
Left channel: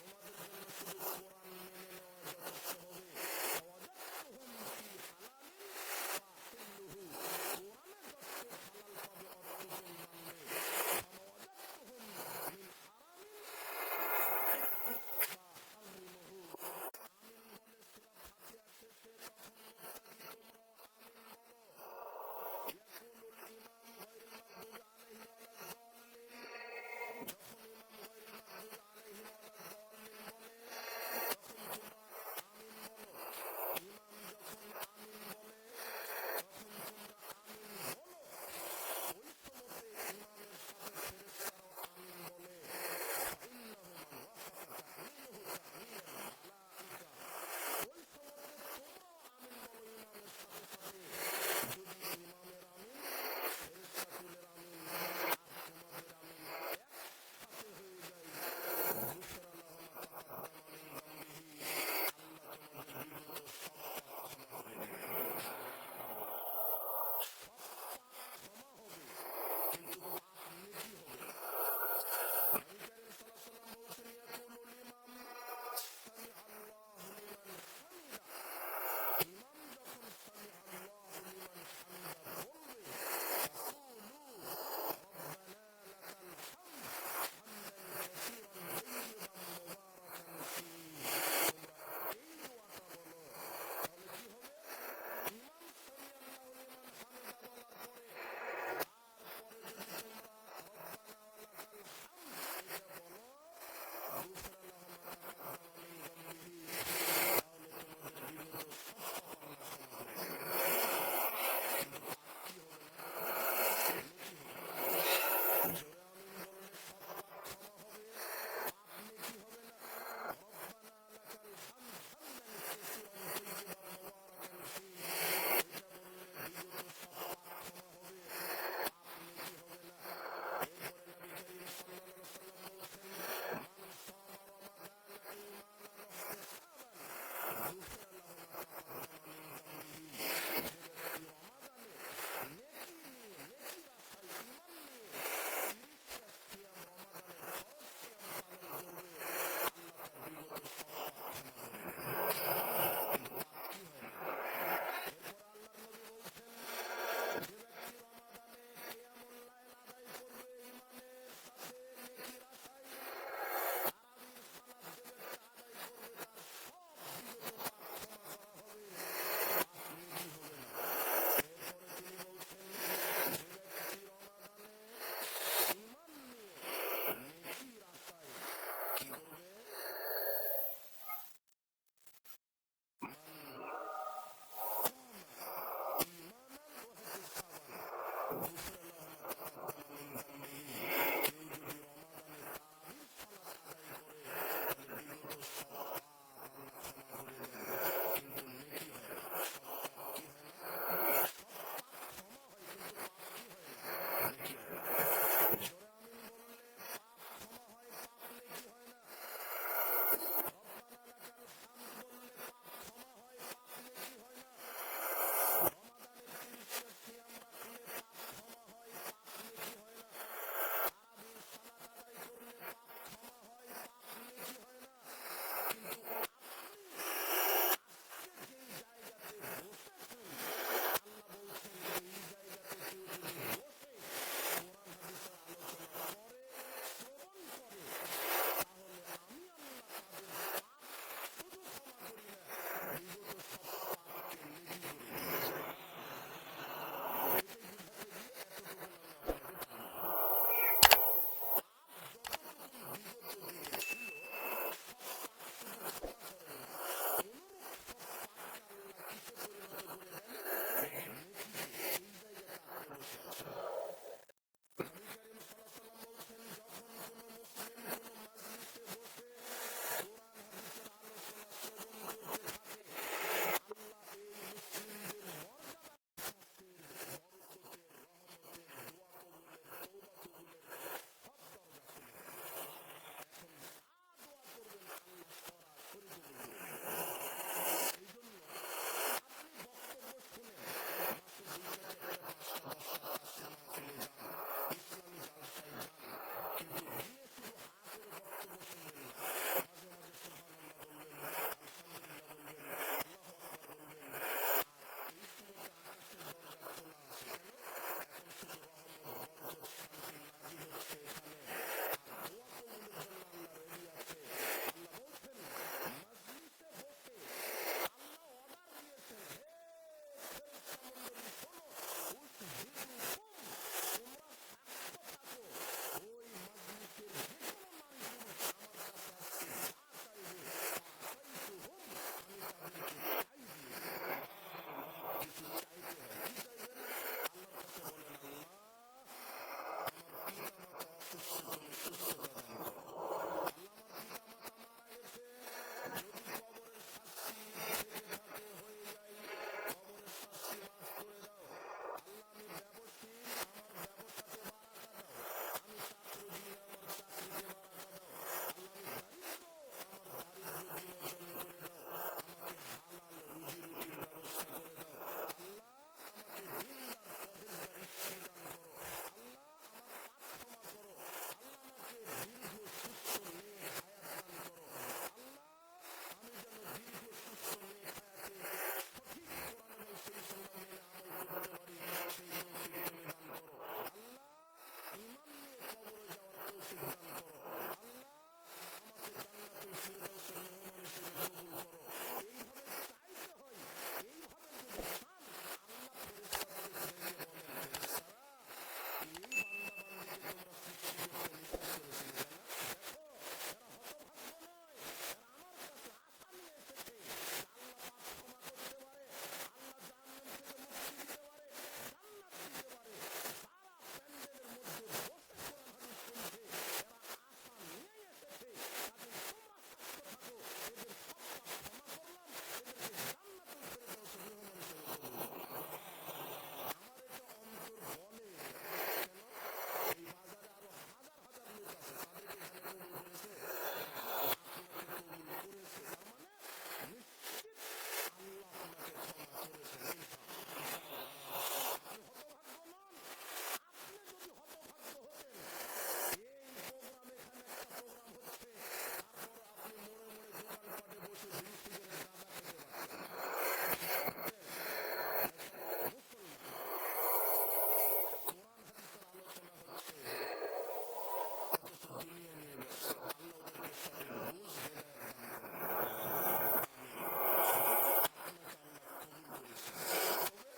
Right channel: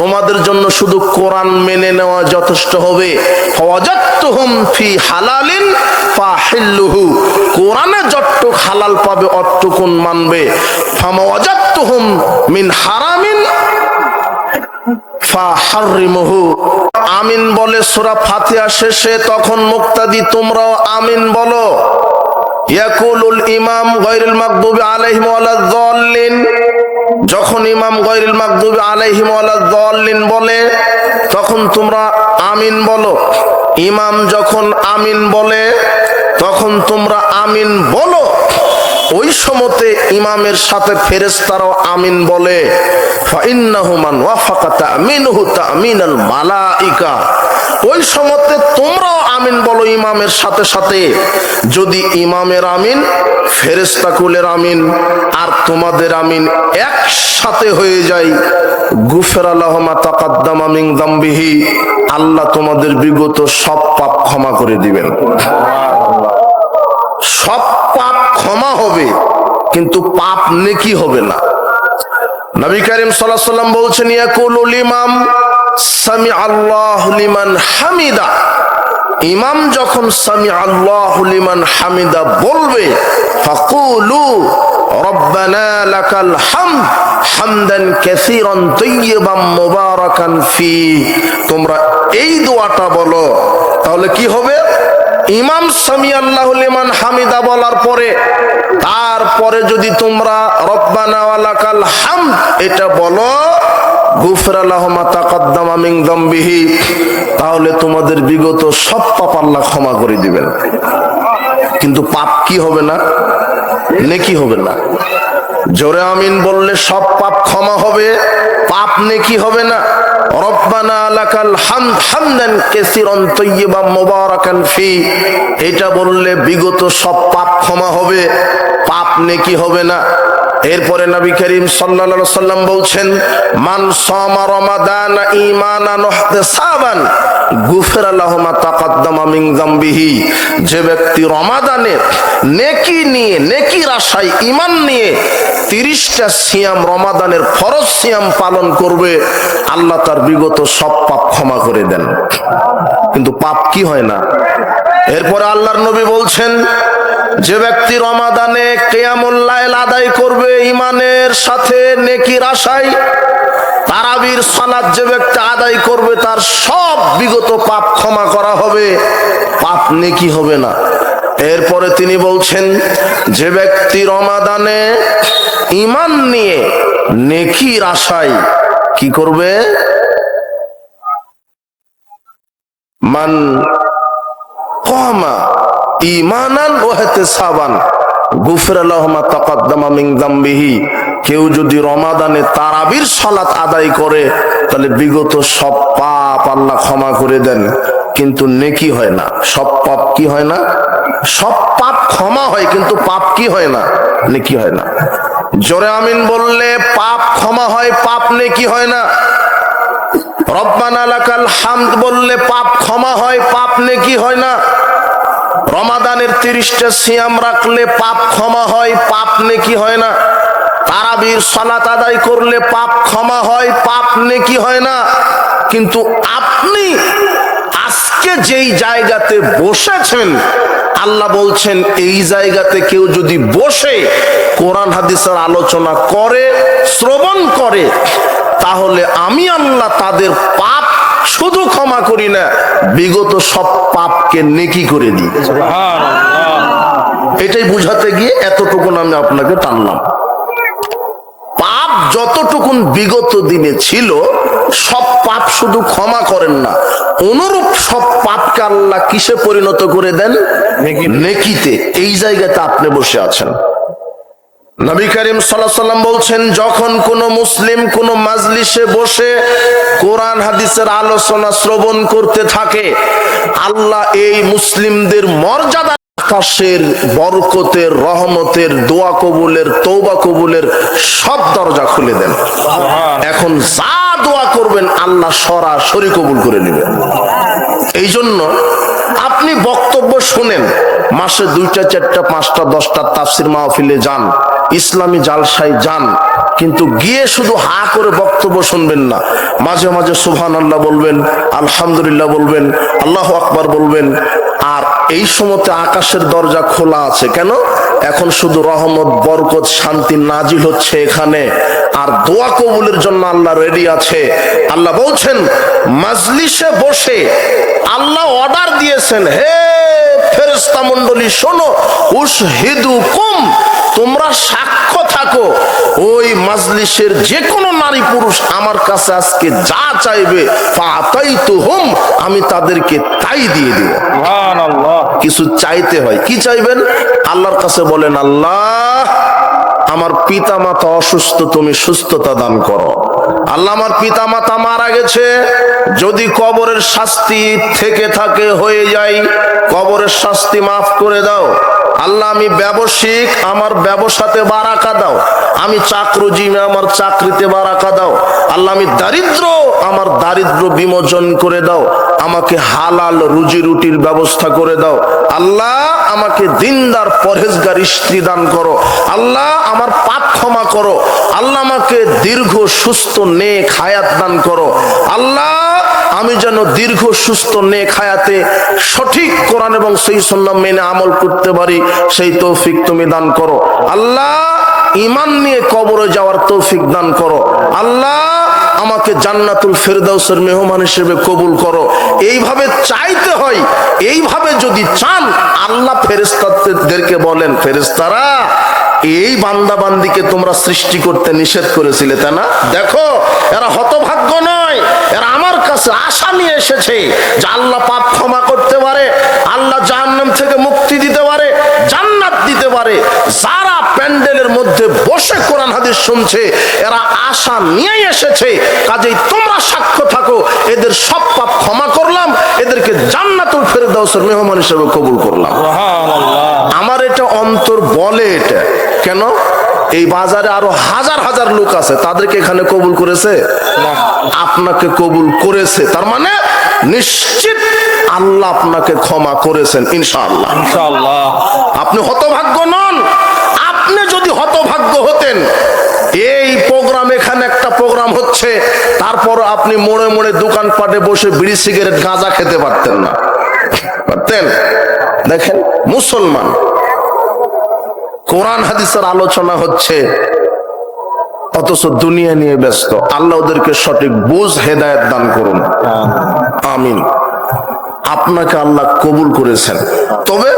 তোমাদের জন্য শুধু কোরআন মেনে নেওয়া যথেষ্ট হবে। ফাওয়াজাতুহুম ফি হালালিন ফাহিল্লুহু, কোরআনে যতটুক হালাল পাবে অতটুকুন মানবে। ফামাওয়াজাতুহুম মিন হারামিন ফাহাররিমুহু। আমিন বলে সূরা ফাতিহা শেষে, তখন মুক্তাদি তোমরাও আমিন বলো। ইয়াকুলুল ইমাম গায়রুল মাগদুবি আলাইহিম ওয়ালাদ দাল্লিন, যখন ইমাম গায়রুল মাগদুবি আলাইহিম ওয়ালাদ দাল্লিন বলে তখন তোমরা আমিন বলো। ইমাম যখন আমিন বলে তখন তোমরা আমিন বলো। ওই সময়তে ইমামের সাথে ফেরেশতারাও আমিন বলে। ফাইন্নাহু মান ওয়াফাকা তামিনুহু তামিনাল মালাইকা। ওই সময়তে তোমরাও আমিন বলো ইমামের সাথে সাথে। যদি ইমামের আমিন, ফেরেশতা কুলের আমিন আর তোমাদের আমিন একসাথে হয়ে যায়, গুফিরা লাহু মা তাকাদ্দামা মিন যামবিহি, আল্লাহ তোমাদের বিগত সব পাপ ক্ষমা করে দিবেন। সব পাপ ক্ষমা হবে, কিন্তু পাপ নেকি হবে না। নবী করিম সাল্লাল্লাহু আলাইহি ওয়াসাল্লাম বলছেন, ইয়াকুলুল ইমাম সামি আল্লাহু লিমান হামিদা। ইমাম যখন সামি আল্লাহু লিমান হামিদা বলবে, ফাকুলু রব্বানা লাকাল হামদ হামদান কাসীরান তাইয়িবান মুবারাকান ফি। তোমরা এই দোয়াটা বলো। তাহলে কি হবে? ইমাম সামি আল্লাহু লিমান হামিদা বলার পরে, তারপরে যদি তোমরা রব্বানা ওয়া লাকাল হামদ এটা বলো, গুফিরা লাহু মা তাকাদ্দামা মিন যামবিহি, তাহলে তোমাদের বিগত সব পাপ আল্লাহ ক্ষমা করে দিবেন। কিন্তু পাপ কি হবে না? নেকি হবে না। জোরে আমিন বললে সব পাপ ক্ষমা হবে, পাপ নেকি হবে না। রব্বানা লাকাল হামদ হামদান কাসীরান তাইয়িবান মুবারাকান ফি, এটা বললে বিগত সব পাপ ক্ষমা হবে, পাপ নেকি হবে না। এরপরে নবী করিম সাল্লাল্লাহু আলাইহি ওয়াসাল্লাম বলছেন, মান সামা রমাদান ঈমানান ওয়া ইহতিসাবান গুফিরা লাহু মা তাকাদ্দামা মিন যামবিহি। যে ব্যক্তি রমাদানে নেকি নিয়ে, নেকির আশায়, ঈমান নিয়ে 30টা সিয়াম, রমাদানের ফরজ সিয়াম পালন করবে, আল্লাহ তার বিগত সব পাপ ক্ষমা করে দেন। কিন্তু পাপ কি হয় না। এরপরে আল্লাহর নবী বলছেন, যে ব্যক্তি রমাদানে কিয়ামুল লাইল আদায় করবে ঈমানের সাথে, নেকির আশায়, তারাবির সালাত যে ব্যক্তি আদায় করবে, তার সব বিগত পাপ ক্ষমা করা হবে, পাপ নেকি হবে না। এরপরে তিনি বলছেন, যে ব্যক্তি রমাদানে ঈমান নিয়ে নেকির আশায় কি করবে, মান কামা ঈমানান ওয়া ইহতিসাবান গুফিরা লাহু মা তাকাদ্দামা মিন যামবিহি। কেউ যদি রমাদানে তারাবির সালাত আদায় করে, তাহলে বিগত সব পাপ আল্লাহ ক্ষমা করে দেন, কিন্তু নেকি হয় না। সব পাপ কি হয় না? সব পাপ ক্ষমা হয়, কিন্তু পাপ কি হয় না? নেকি হয় না। জোরে আমিন বললে পাপ ক্ষমা হয়, পাপ নেকি হয় না। রব্বানা লাকাল হামদ বললে পাপ ক্ষমা হয়, পাপ নেকি হয় না। রমাদানের 30টা সিয়াম রাখলে পাপ ক্ষমা হয়, পাপ নেকি হয় না। তারাবির সালাত আদায় করলে পাপ ক্ষমা হয়, পাপ নেকি হয় না। কিন্তু আপনি আজকে যেই জায়গাতে বসেছেন, আল্লাহ বলছেন এই জায়গাতে কেউ যদি বসে কোরআন হাদিসের আলোচনা করে, শ্রবণ করে, তাহলে আমি আল্লাহ তাদের পাপ শুধু ক্ষমা করি না, বিগত সব পাপকে নেকি করে দিই। এটাই বুঝাতে গিয়ে এতটুকুন আমি আপনাকে টানলাম। পাপ যতটুকুন বিগত দিনে ছিল, সব পাপ শুধু ক্ষমা করেন না, অনুরূপ সব পাপকে আল্লাহ কিসে পরিণত করে দেন? নেকিতে। এই জায়গাতে আপনি বসে আছেন। নবী করিম সাল্লাল্লাহু আলাইহি ওয়াসাল্লাম বলছেন, যখন কোন মুসলিম কোন মাজলিসে বসে কোরআন হাদিসের আলোচনা শ্রবণ করতে থাকে, আল্লাহ এই মুসলিমদের মর্যাদা, আকাশের বরকতের, রহমতের, দোয়া কবুলের, তওবা কবুলের সব দরজা খুলে দেন। এখন যা দোয়া করবেন আল্লাহ সরাসরি কবুল করে নেবেন। এই জন্য আপনি বক্তব্য শুনেন, মাসে 2টা 4টা 5টা 10টা তাফসির মাহফিলে যান, ইসলামী জালসায় যান, কিন্তু গিয়ে শুধু হা করে বক্তব্য শুনবেন না। মাঝে মাঝে সুবহানাল্লাহ বলবেন, আলহামদুলিল্লাহ বলবেন, আল্লাহু আকবার বলবেন। আর এই সময়তে আকাশের দরজা খোলা আছে কেন? এখন শুধু রহমত, বরকত, শান্তি নাজিল হচ্ছে এখানে, আর দোয়া কবুলের জন্য আল্লাহ রেডি আছে। আল্লাহ বলছেন, মাজলিসে বসে আল্লাহ অর্ডার দিয়েছেন, হে ফেরেশতা মণ্ডলী শোনো, উশহিদুকুম, তোমরা সাক্ষ্য থাকো, ওই মাজলিসের যে কোনো নারী পুরুষ আমার কাছে আজকে যা চাইবে, ফাতাইতুহুম, আমি তাদেরকে তাই দিয়ে দিব। সুবহানাল্লাহ। কিছু চাইতে হয়, কি চাইবেন? আল্লাহর কাছে বলেন, আল্লাহ আমার পিতা মাতা অসুস্থ, তুমি সুস্থতা দান করো। আল্লাহ আমার পিতা মাতা মারা গেছে, যদি কবরের শাস্তি থেকে থাকে হয়ে যায়, কবরের শাস্তি মাফ করে দাও। আল্লাহ আমি ব্যবসায়িক, আমার ব্যবসাতে বারাকা দাও। আমি চাকরিজীবী, আমার চাকরিতে বারাকা দাও। আল্লাহ আমি দারিদ্র, আমার দারিদ্র বিমোচন করে দাও। আমাকে হালাল রুজি রুটির ব্যবস্থা করে দাও। আল্লাহ আমাকে দিনদার পরহেজগার স্ত্রী দান করো। আল্লাহ আমার পাপ ক্ষমা করো। আল্লাহ আমাকে দীর্ঘ সুস্থ নেক হায়াত দান করো। আল্লাহ আমি যেন দীর্ঘ সুস্থ নেক হায়াতে সঠিক কোরআন এবং সেই সুন্নাহ মেনে আমল করতে পারি, সেই তৌফিক তুমি দান করো। আল্লাহ ঈমান নিয়ে কবরে যাওয়ার তৌফিক দান করো। আল্লাহ আমাকে জান্নাতুল ফেরদাউসের মেহমান হিসেবে কবুল করো। এইভাবে চাইতে হয়। এইভাবে যদি চান, আল্লাহ ফেরেশতাদেরকে বলেন, ফেরেশতারা এই বান্দা বান্দিকে তোমরা সৃষ্টি করতে নিষেধ করেছিলে, তাই না? দেখো এরা হতভাগ্য নয়, এরা আমার কাছে আশা নিয়ে এসেছে যে আল্লাহ পাপ ক্ষমা করতে পারে, আল্লাহ জাহান্নাম থেকে মুক্তি দিতে পারে, জান্নাত দিতে পারে। যারা প্যান্ডেলের মধ্যে বসে কোরআন হাদিস শুনছে, এরা আশা নিয়েই এসেছে। কাজেই তোমরা সাক্ষ্য থাকো, এদের সব পাপ ক্ষমা করলাম, এদেরকে জান্নাতুল ফেরদাউসের মেহমান হিসেবে কবুল করলাম। আমার এটা অন্তর বলে। এটা কেন? এই বাজারে আরো হাজার হাজার লোক আছে, তাদেরকে এখানে কবুল করেছে, আপনাকে কবুল করেছে, তার মানে নিশ্চিত আল্লাহ আপনাকে ক্ষমা করেছেন ইনশাআল্লাহ। ইনশাআল্লাহ আপনি হতভাগ্য নন। আপনি যদি হতভাগ্য হতেন, এই প্রোগ্রাম, এখানে একটা প্রোগ্রাম হচ্ছে, তারপর আপনি মোড়ে মোড়ে দোকানপাটে বসে বিড়ি সিগারেট গাঁজা খেতে পারতেন না, পারতেন? দেখেন, মুসলমান, কোরআন হাদিসের আলোচনা হচ্ছে, অথচ দুনিয়া নিয়ে ব্যস্ত। আল্লাহ ওদেরকে সঠিক বুঝ, হেদায়েত দান করুন, আমিন। আপনাকে আল্লাহ কবুল করেছেন। তবে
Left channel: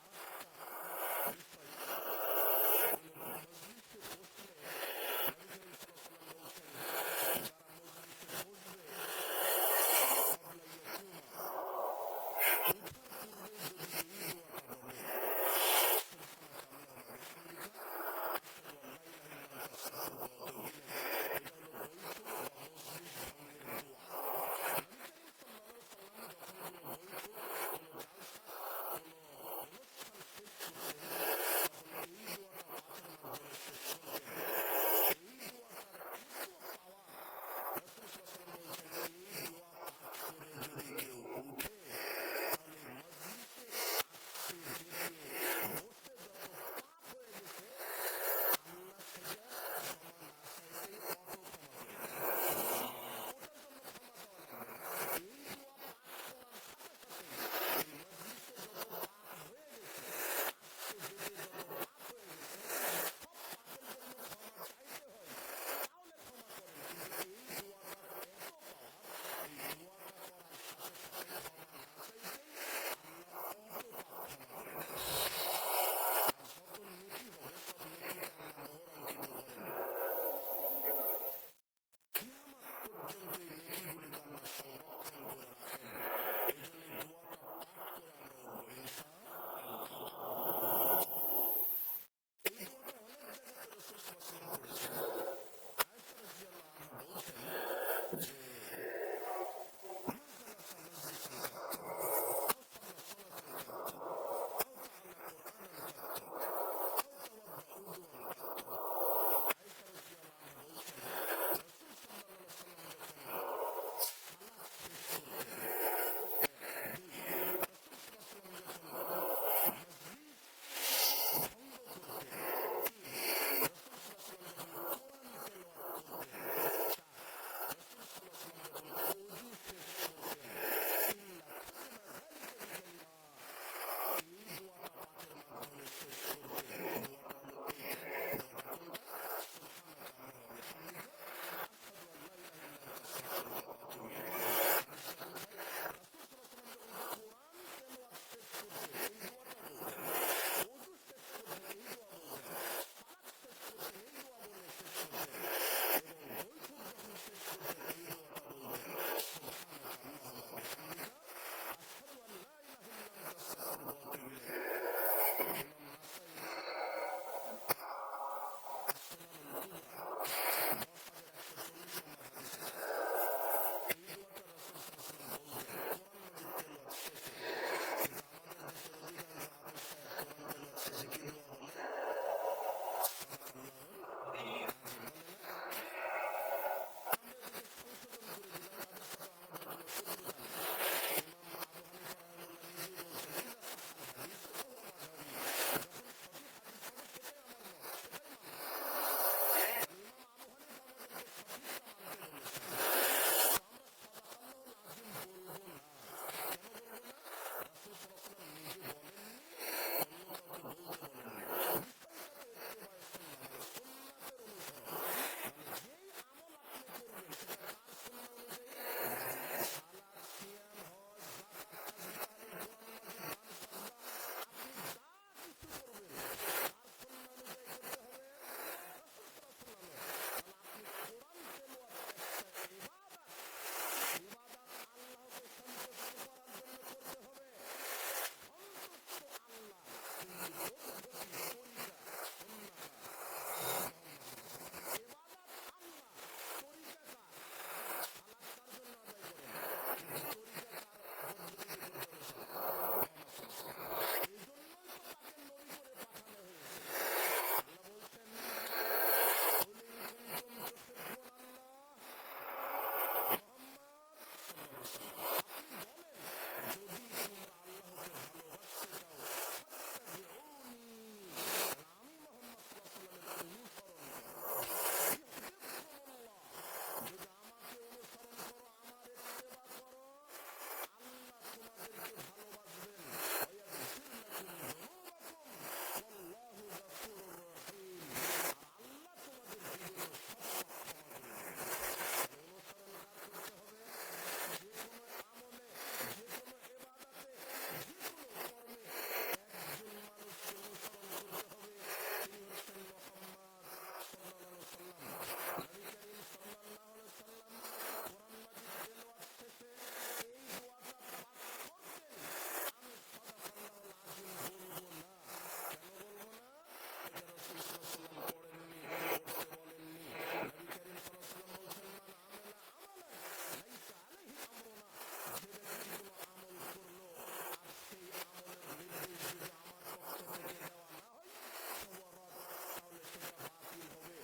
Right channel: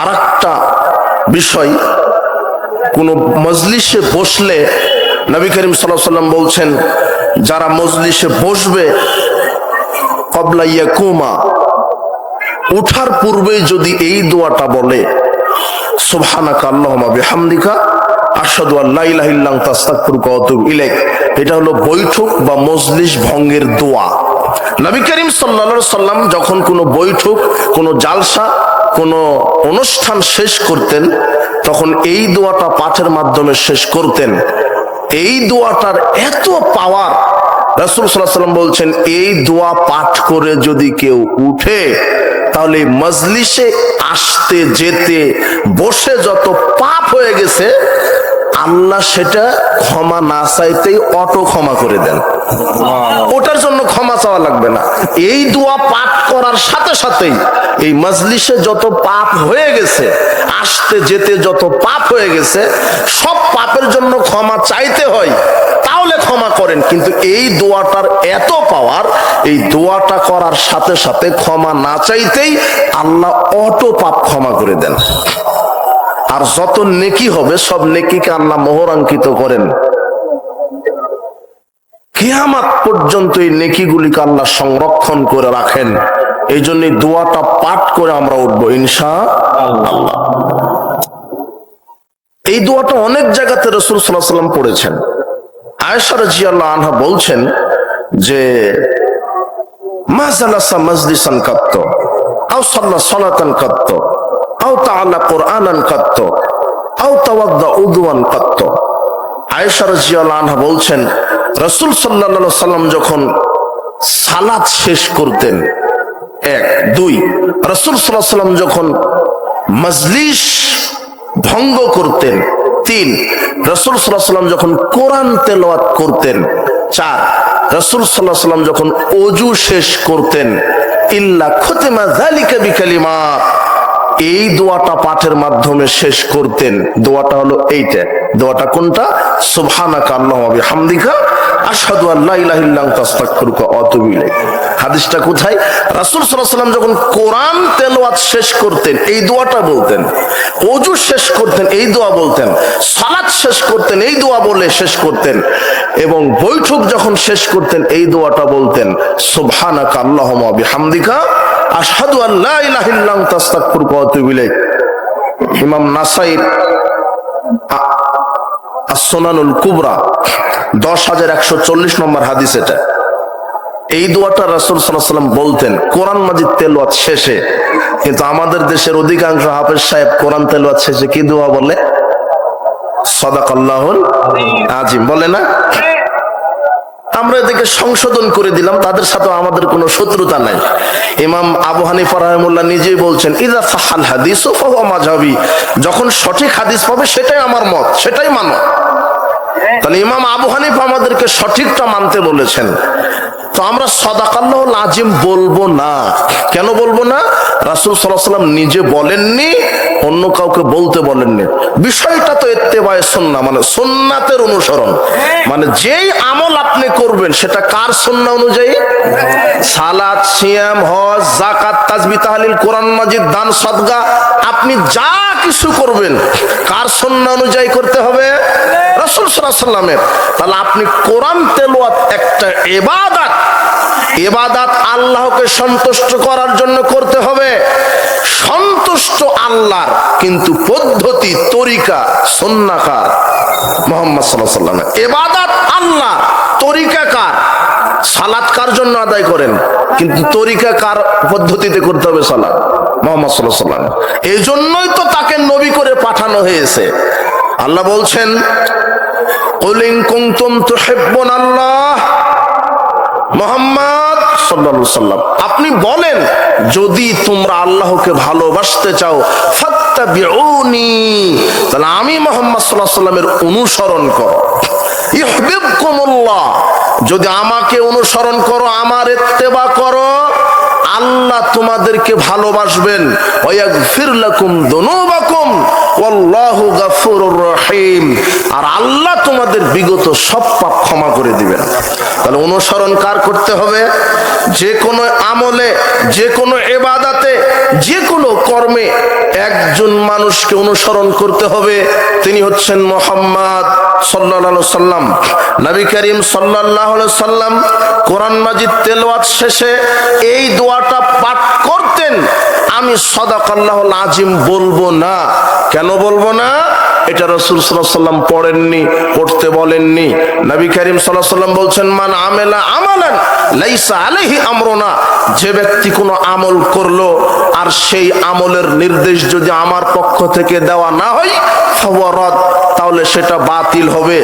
আরেকটা বিষয়, কোন মজলিসে বসলে নবী করিম সাল্লাল্লাহু আলাইহি ওয়াসাল্লাম বলছেন, যারা মজলিসে বসবে, ক্বাবলা ইয়াকুমা, উঠার পূর্বেই যদি এই দোয়াটা বলে, সুবহানাকা আল্লাহুম্মা বিহামদিকা আশহাদু আল্লা ইলাহা ইল্লা আনতা আস্তাগফিরুকা ওয়া আতুবু ইলাইক, এটা হলো বৈঠক বা মজলিস ভঙ্গের দোয়া। নবী করিম সাল্লাল্লাহু আলাইহি সাল্লাম যখন কোনো বৈঠক, কোনো জালসা, কোনো অনুষ্ঠান শেষ করতেন, তখন এই দোয়াটা পাঠের মাধ্যমে শেষ করতেন। এই দোয়াটার এত পাওয়ার, রাসূল সাল্লাল্লাহু আলাইহি সাল্লাম বলছেন, এই দোয়া পাঠ করে যদি কেউ উঠে, তাহলে মজলিসে আসতে যেতে বসে যত পাপ হয়ে গেছে, আল্লাহ সেটা ক্ষমা না চাইতেই অটো ক্ষমা করে দেন, ওটার জন্য ক্ষমা চাওয়া লাগবে না। এই দোয়া পাঠ করার সাথে সাথেই এই মজলিসে যত পাপ হয়ে গেছে, আসতে যেতে যত পাপ হয়ে গেছে, সব পাপের জন্য ক্ষমা চাইতে হয়, তাহলে ক্ষমা করেন। কিন্তু এই দোয়াটার এত পাওয়ার, এই দোয়াটা করার সাথে সাথে ক্ষমা না চাইতেই আল্লাহ অটো পাপ ক্ষমা করে দেন। আর যত নেকি হবে সব নেকিকে আল্লাহ মোহরাঙ্কিত করেন, কিয়ামত পর্যন্ত এই নেকিগুলিকে আল্লাহ সংরক্ষণ করে রাখেন। এই জন্য দোয়াটা পাঠ করে আমরা উঠবো ইনশাআল্লাহ। এই দোয়াটা অনেক জায়গাতে রাসূল সাল্লাল্লাহু আলাইহি ওয়াসাল্লাম পড়েছেন। আয়েশা রাদিয়াল্লাহু আনহা বলছেন যে মা জালাসা মাজলিসান কাত্ত আও সাল্লা সালাতান কাত্ত আও তাআলা কুরআনান কাত্ত আও তাওয়াদ্দা উযুয়ান কাত্ত। আয়েশা রাদিয়াল্লাহু আনহা বলছেন রাসূল সাল্লাল্লাহু আলাইহি ওয়াসাল্লাম যখন সালাত শেষ করতেন, এক, দুই, রাসূল সাল্লাল্লাহু আলাইহি ওয়াসাল্লাম যখন মজলিস ভঙ্গ করতেন, তিন, রাসূল সাল্লাল্লাহু আলাইহি ওয়াসাল্লাম যখন কোরআন তেলাওয়াত করতেন, চার, রাসূল সাল্লাল্লাহু আলাইহি ওয়াসাল্লাম যখন ওযু শেষ করতেন, ইল্লা খুতিমা যালিকা বিকালিমাত, এই দোয়াটা পাঠের মাধ্যমে শেষ করতেন। দোয়াটা হলো এইটা। দোয়াটা কোনটা? সুবহানাকা আল্লাহুম্মা ওয়া বিহামদিকা আশহাদু আল্লা ইলাহা ইল্লা আনতা আস্তাগফিরুকা ওয়া আতুবু ইলাইক। হাদিসটা কোথায়? রাসূল সাল্লাল্লাহু আলাইহি ওয়াসাল্লাম যখন কোরআন তেলাওয়াত শেষ করতেন এই দোয়াটা বলতেন, ওযু শেষ করতেন এই দোয়া বলতেন, সালাত শেষ করতেন এই দোয়া বলে শেষ করতেন, এবং বৈঠক যখন শেষ করতেন এই দোয়াটা বলতেন, সুবহানাকা আল্লাহুম্মা ওয়া বিহামদিকা আশহাদু আল্লা ইলাহা ইল্লা আনতা আস্তাগফিরুকা ওয়া আতুবু ইলাইক। ইমাম নাসাঈর as-সুনানুল কুবরা 10140 নম্বর হাদিস এটা। এই দোয়াটা রাসূল সাল্লাল্লাহু আলাইহি ওয়াসাল্লাম বলতেন কোরআন মাজিদ তেলাওয়াত শেষে। কিন্তু আমাদের দেশের অধিকাংশ হাফেজ সাহেব কোরআন তেলাওয়াত শেষে কি দোয়া বলে? সাদাকাল্লাহুল আযীম বলে না? আমরা এদিকে সংশোধন করে দিলাম, তাদের সাথে আমাদের কোনো শত্রুতা নাই। ইমাম আবু হানিফা রাহিমাহুল্লাহ নিজেই বলছেন ইযা সাহাল হাদিসু ফাহুয়া মাযহাবি, যখন সঠিক হাদিস পাবে সেটাই আমার মত, সেটাই মানো। তাহলে ইমাম আবু হানিফা আমাদেরকে সঠিকটা মানতে বলেছেন। তো আমরা সাদাকাল্লাহুল আযীম বলবো না। কেন বলবো না? রাসূল সাল্লাল্লাহু আলাইহি ওয়াসাল্লাম নিজে বলেননি, অন্য কাউকে বলতে বলেননি। বিষয়টা তো ইত্তেবায়ে সুন্নাহ, মানে সুন্নাতের অনুসরণ। মানে যেই আমল আপনি করবেন সেটা কার সুন্নাহ অনুযায়ী? সালাত, সিয়াম, হজ, যাকাত, তাসবিহ, তাহলিল, কোরআন মাজিদ, দান, সাদকা, আপনি যা কিছু করবেন কার সুন্নাহ অনুযায়ী করতে হবে? রাসূল সাল্লাল্লাহু আলাইহি ওয়াসাল্লামের। তাহলে আপনি কোরআন তেলাওয়াত একটা ইবাদত, ইবাদত আল্লাহকে সন্তুষ্ট করার জন্য করতে হবে। সন্তুষ্ট আল্লাহর, কিন্তু পদ্ধতি, তরিকা সুন্নাহ কার? মুহাম্মদ সাল্লাল্লাহু আলাইহি ওয়াসাল্লাম। ইবাদত আল্লাহ, তরিকা কার? সালাত কার জন্য আদায় করেন, কিন্তু তরিকা কার পদ্ধতিতে করতে হবে? সালাত মুহাম্মদ সাল্লাল্লাহু আলাইহি ওয়াসাল্লাম। এই জন্যই তো তাকে নবী করে পাঠানো হয়েছে। আল্লাহ বলছেন কুল ইন কুনতুম তুহিব্বুনাল্লাহ, মুহাম্মদ সাল্লাল্লাহু আলাইহি ওয়াসাল্লাম আপনি বলেন যদি তোমরা আল্লাহকে ভালোবাসতে চাও ফাত্তাবিউনি, তাহলে আমি মুহাম্মদ সাল্লাল্লাহু আলাইহি ওয়াসাল্লামের অনুসরণ করো। ইউহিব্বুকুমুল্লাহ, যদি আমাকে অনুসরণ করো, আমার ইত্তেবা করো, আল্লাহ তোমাদেরকে ভালোবাসবেন। ওয়া ইয়াগফির লাকুম যুনুবাকুম ওয়াল্লাহু গাফুরুর রহিম, আর আল্লাহ তোমাদের বিগত সব পাপ ক্ষমা করে দিবেন। তাহলে অনুসরণ কার করতে হবে? যে কোনো আমলে, যে কোনো ইবাদতে, যে কোনো কর্মে একজন মানুষকে অনুসরণ করতে হবে, তিনি হচ্ছেন মুহাম্মদ সাল্লাল্লাহু আলাইহি ওয়াসাল্লাম। নবী করিম সাল্লাল্লাহু আলাইহি ওয়াসাল্লাম কোরআন মাজিদ তেলাওয়াত শেষে এই দোয়াটা পাঠ করতেন। আমি সাদাকাল্লাহুল আযীম বলবো না। কেন বলবো না? এটা রাসূল সাল্লাল্লাহু আলাইহি ওয়াসাল্লাম পড়েননি, পড়তে বলেননি। নবী করিম সাল্লাল্লাহু আলাইহি ওয়াসাল্লাম বলছেন মান আমিলা আমালান লাইসা আলাইহি আমরুনা, যে ব্যক্তি কোনো আমল করলো আর সেই আমলের নির্দেশ যদি আমার পক্ষ থেকে দেওয়া না হয় ফাহুয়া রাদ, তাহলে সেটা বাতিল হবে।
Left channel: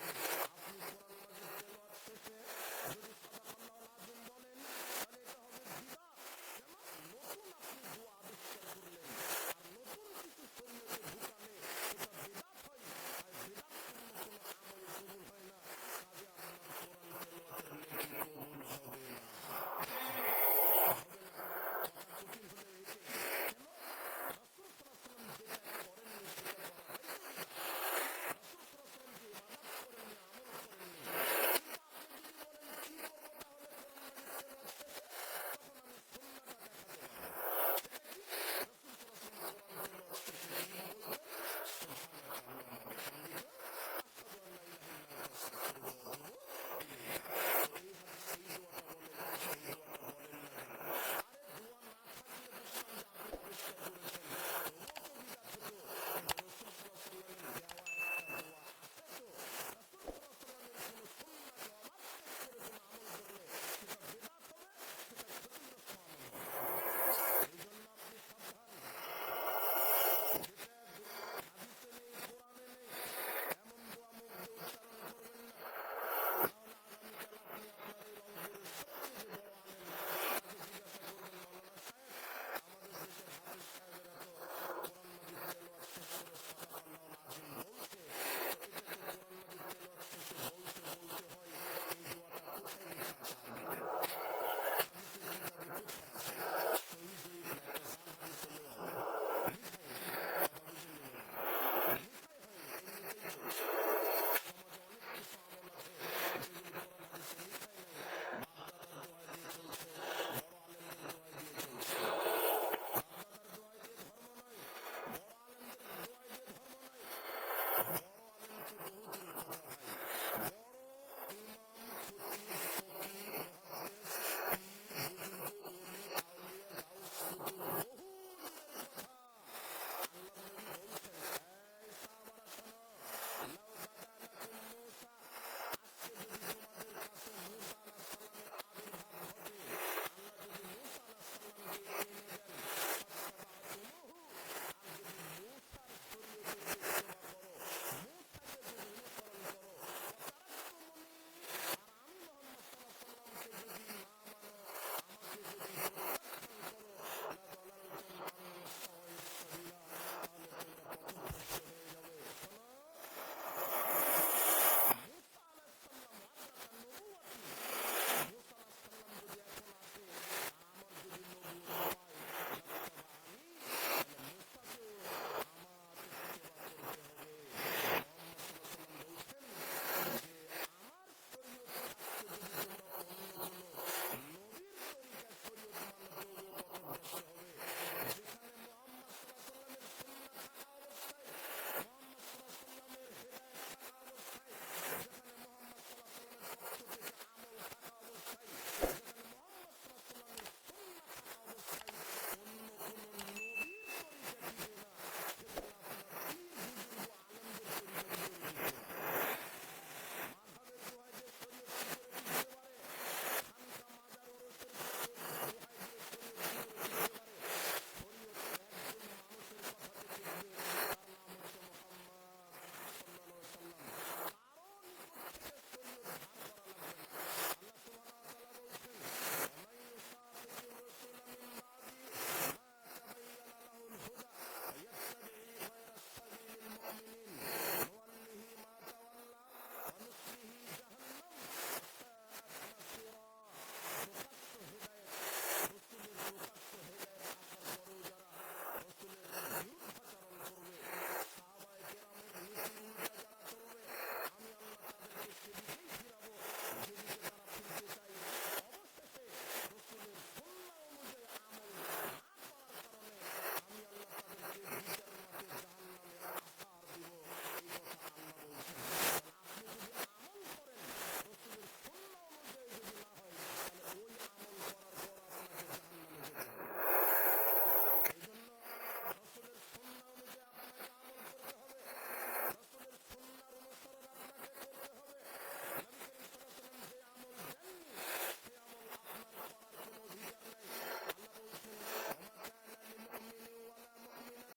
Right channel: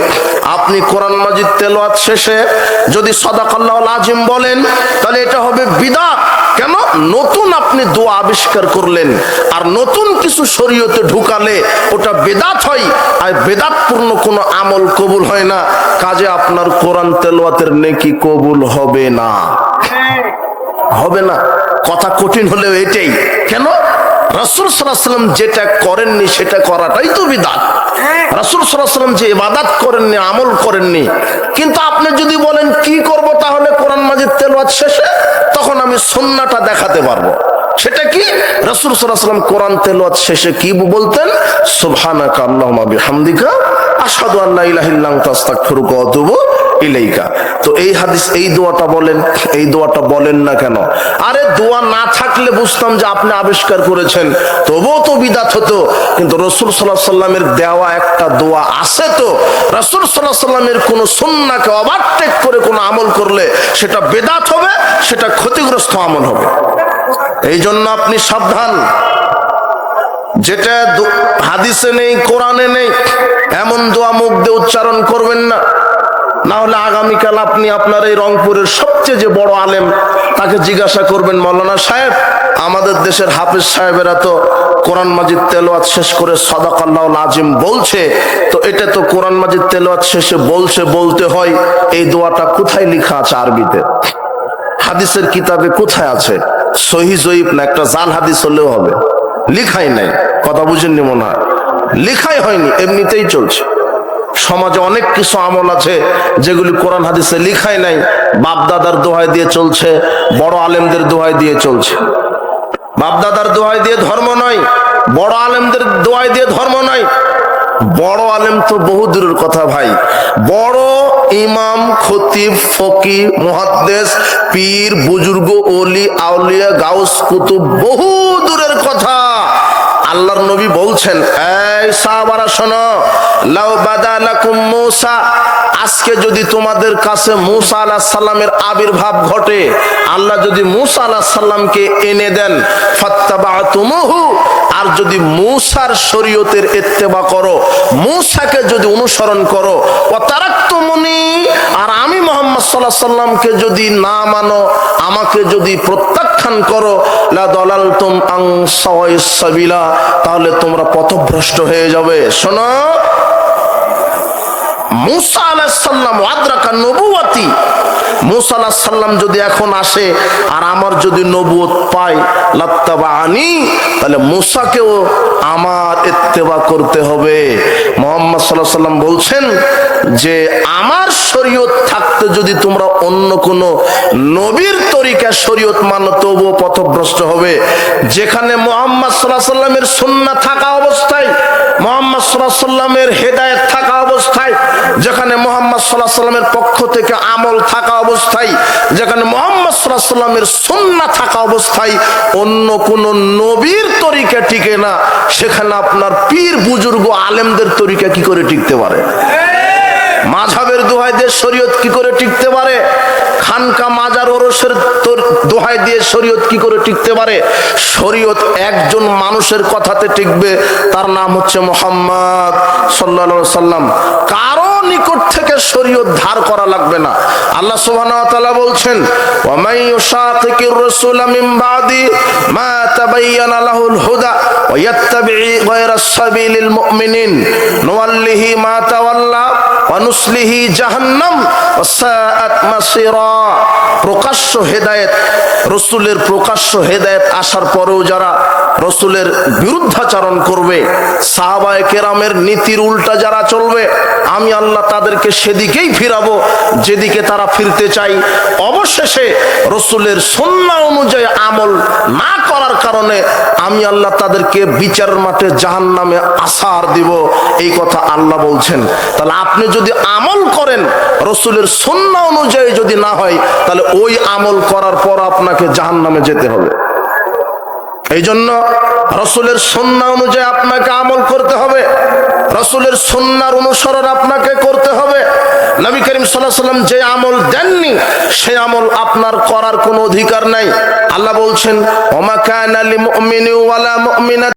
আপনি কোরআন মাজিদ তেলাওয়াত শেষে যদি সাদাকাল্লাহুল আযীম বলেন তাহলে এটা হবে বিদআত। কেন? নতুন আপনি দোয়া আবিষ্কার করলেন, আর নতুন কিছু শরীয়তে ঢুকালে ওটা বেদাত হয়, আর বেদাতপূর্ণ কোনো আমল কবুল হয় না। কাজে আপনার কোরআন তেলাওয়াতের নেকি কবুল হবে না, হবে না। কথা কঠিন হলেও এটাই। কেন? রাসূল সাল্লাল্লাহু আলাইহি ওয়াসাল্লাম যেটা করেননি সেটা করাটাই তো বিদআত। রাসূল সাল্লাল্লাহু আলাইহি ওয়াসাল্লাম যে ইবাদত করেননি, আমল করেননি, কিন্তু আপনি যদি বলেন কি করব, তাহলে কোরআন মাজিদ তেলাওয়াত শেষে তখন আমি সুন্নাহটা দেখাতে পারবো। সেটা কি? রাসূল সাল্লাল্লাহু আলাইহি ওয়াসাল্লাম কোরআন তেলাওয়াত শেষে কি বলতেন? সুবহানাকা আল্লাহুম্মা বিহামদিকা আশহাদু আল্লা ইলাহা ইল্লা আনতা আস্তাগফিরুকা ওয়া আতুবু ইলাইকা। তো এই হাদিস, এই দোয়াটা বলেন, এই দোয়াটা বলেন না কেন? আরে দোয়া না থাকলে বুঝতাম যে আপনি আবিষ্কার করেছেন, তবুও তো বিদআত হতো। কিন্তু রাসূল সাল্লাল্লাহু আলাইহি ওয়াসাল্লামের দেওয়া একটা দোয়া আছে, তো রাসূল সাল্লাল্লাহু আলাইহি ওয়াসাল্লামের কোন সুন্নাহকে ওভারটেক করে কোন আমল করলে সেটা বিদআত হবে, সেটা ক্ষতিগ্রস্ত আমল হবে। এই জন্য আপনি সাবধান, যেটা হাদিসে নেই, কোরআনে নেই, এমন দোয়া মুখ দিয়ে উচ্চারণ করবেন না। না হলে আগামীকাল আপনি আপনার এই রংপুরের সবচেয়ে যে বড় আলেম, তাকে জিজ্ঞাসা করবেন, মাওলানা সাহেব, আমাদের দেশের হাফেজ সাহেবেরা তো কোরআন মাজিদ তেলাওয়াত শেষ করে সাদাকাল্লাহুল আযীম বলছে, তো এটা তো কোরআন মাজিদ তেলাওয়াত শেষে বলতে হয়, এই দোয়াটা কোথায় লেখা আছে আরবিতে? হাদিসের কিতাবে কোথায় আছে? সহিহ জয়ীফ না একটা জাল হাদিস হলেও হবে, লিখাই নাই। কথা বুঝেননি মনে হয়, লিখাই হয়নি, এমনিতেই চলছে। সমাজে অনেক কিছু আমল আছে যেগুলি কোরআন হাদিসে লিখাই নাই, বাপ দাদার দোহাই দিয়ে চলছে, বড় আলেমদের দোহাই দিয়ে চলছে। বাপ দাদার দোহাই দিয়ে ধর্ম নয়, বড় আলেমদের দোহাই দিয়ে ধর্ম নয়। বড় আলেম তো বহু দূরের কথা ভাই, বড় ইমাম, খতিব, ফকি, মুহাদ্দিস, পীর, বুজুর্গ, ওলি, আউলিয়া, গাউস, কুতুব বহু দূরের কথা। আল্লাহর নবী বলছেন, এই সাহাবারা শোনো, লাউ বাদা লাকুম মূসা, আজকে যদি তোমাদের কাছে মূসা আলাইহিস সালামের আবির্ভাব ঘটে, আল্লাহ যদি মূসা আলাইহিস সালামকে এনে দেন, ফাত্তাবাতুমুহু, আর যদি মূসার শরীয়তের ইত্তেবা করো, মূসাকে যদি অনুসরণ করো, ওয়া তারাকতুমুনি, আর আমি মুহাম্মদ সাল্লাল্লাহু আলাইহি সাল্লামকে যদি না মানো, আমাকে যদি প্রত্যাখ্যান করো, লা দালালতুম আন সাওয়াইস সাবিলা, তাহলে তোমরা পথভ্রষ্ট হয়ে যাবে। শোনো, মূসা আলাইহিস সালাম আদরাকা নবুওয়াতি, মূসা আলাইহিস সালাম যদি এখন আসে আর আমার যদি নবুয়ত পায়, লাত্তাবানি, তাহলে মূসাকেও আমার ইত্তেবা করতে হবে। মুহাম্মদ সাল্লাল্লাহু আলাইহি সাল্লাম বলছেন যে আমার শরীয়ত থাকতে যদি তোমরা অন্য কোন নবীর তরিকা শরীয়ত মানো, তবুও পথভ্রষ্ট হবে। যেখানে মুহাম্মদ সাল্লাল্লাহু আলাইহি সাল্লামের সুন্নাহ থাকা অবস্থায়, মুহাম্মদ সাল্লাল্লাহু আলাইহি সাল্লামের হেদায়েত থাকা অবস্থায়, যেখানে মুহাম্মদ সাল্লাল্লাহু আলাইহি সাল্লামের পক্ষ থেকে আমল থাকা অবস্থায়, যেখানে মুহাম্মদ সাল্লাল্লাহু আলাইহি সাল্লামের সুন্নাহ থাকা অবস্থায় অন্য কোন নবীর তরিকা টিকে না, সেখানে আপনার পীর, বুজুর্গ, আলেমদের তরিকা কি করে টিকতে পারে? মাযহাবের দোহাই দিয়ে শরীয়ত কি করে টিকতে পারে? খানকা, মাজার, ওরসের দোহাই দিয়ে শরীয়ত কি করে টিকতে পারে? শরীয়ত একজন মানুষের কথাতে টিকবে, তার নাম হচ্ছে মুহাম্মদ সাল্লাল্লাহু আলাইহি সাল্লাম। কারো নিকট থেকে শরীয়ত ধার করা লাগবে না। আল্লাহ সুবহানাহু ওয়া তাআলা বলছেন, ওয়া মান ইউশাকিকির রাসূলা মিন বাদি মা তাবায়্যানা লাহুল হুদা ওয়া ইয়াত্তাবি গায়রা সাবিলিল মুমিনিন নুওয়াল্লিহি মা তাওয়াল্লা ওয়া নুসলিহি জাহান্নাম ওয়া সাআত মাসিরা। প্রকাশ্য হেদায়েত, রাসূলের প্রকাশ্য হেদায়েত আসার পরেও যারা রাসূলের বিরুদ্ধাচরণ করবে, সাহাবায়ে কেরামের নীতির উল্টা যারা চলবে, আমি আল্লাহ তাদেরকে সেদিকেই ফিরাবো যেদিকে তারা ফিরতে চাই। অবশেষে রাসূলের সুন্নাহ অনুযায়ী আমল না করার কারণে আমি আল্লাহ তাদেরকে বিচারের মাঠে জাহান্নামে আসার দিব। এই কথা আল্লাহ বলছেন। তাহলে আপনি যদি আমল করেন, রাসূলের সুন্নাহ অনুযায়ী যদি না হয়, তাহলে ওই আমল করার পর আপনাকে জাহান্নামে যেতে হবে। এই জন্য রাসূলের সুন্নাহ অনুযায়ী আপনাকে আমল করতে হবে, রাসূলের সুন্নাহর অনুসরণ আপনাকে করতে হবে। নবী করিম সাল্লাল্লাহু আলাইহি ওয়াসাল্লাম যে আমল দেননি, সেই আমল আপনার করার কোনো অধিকার নাই। আল্লাহ বলছেন, ওয়া মা কানা লিল মুমিনিন ওয়ালা মুমিনাত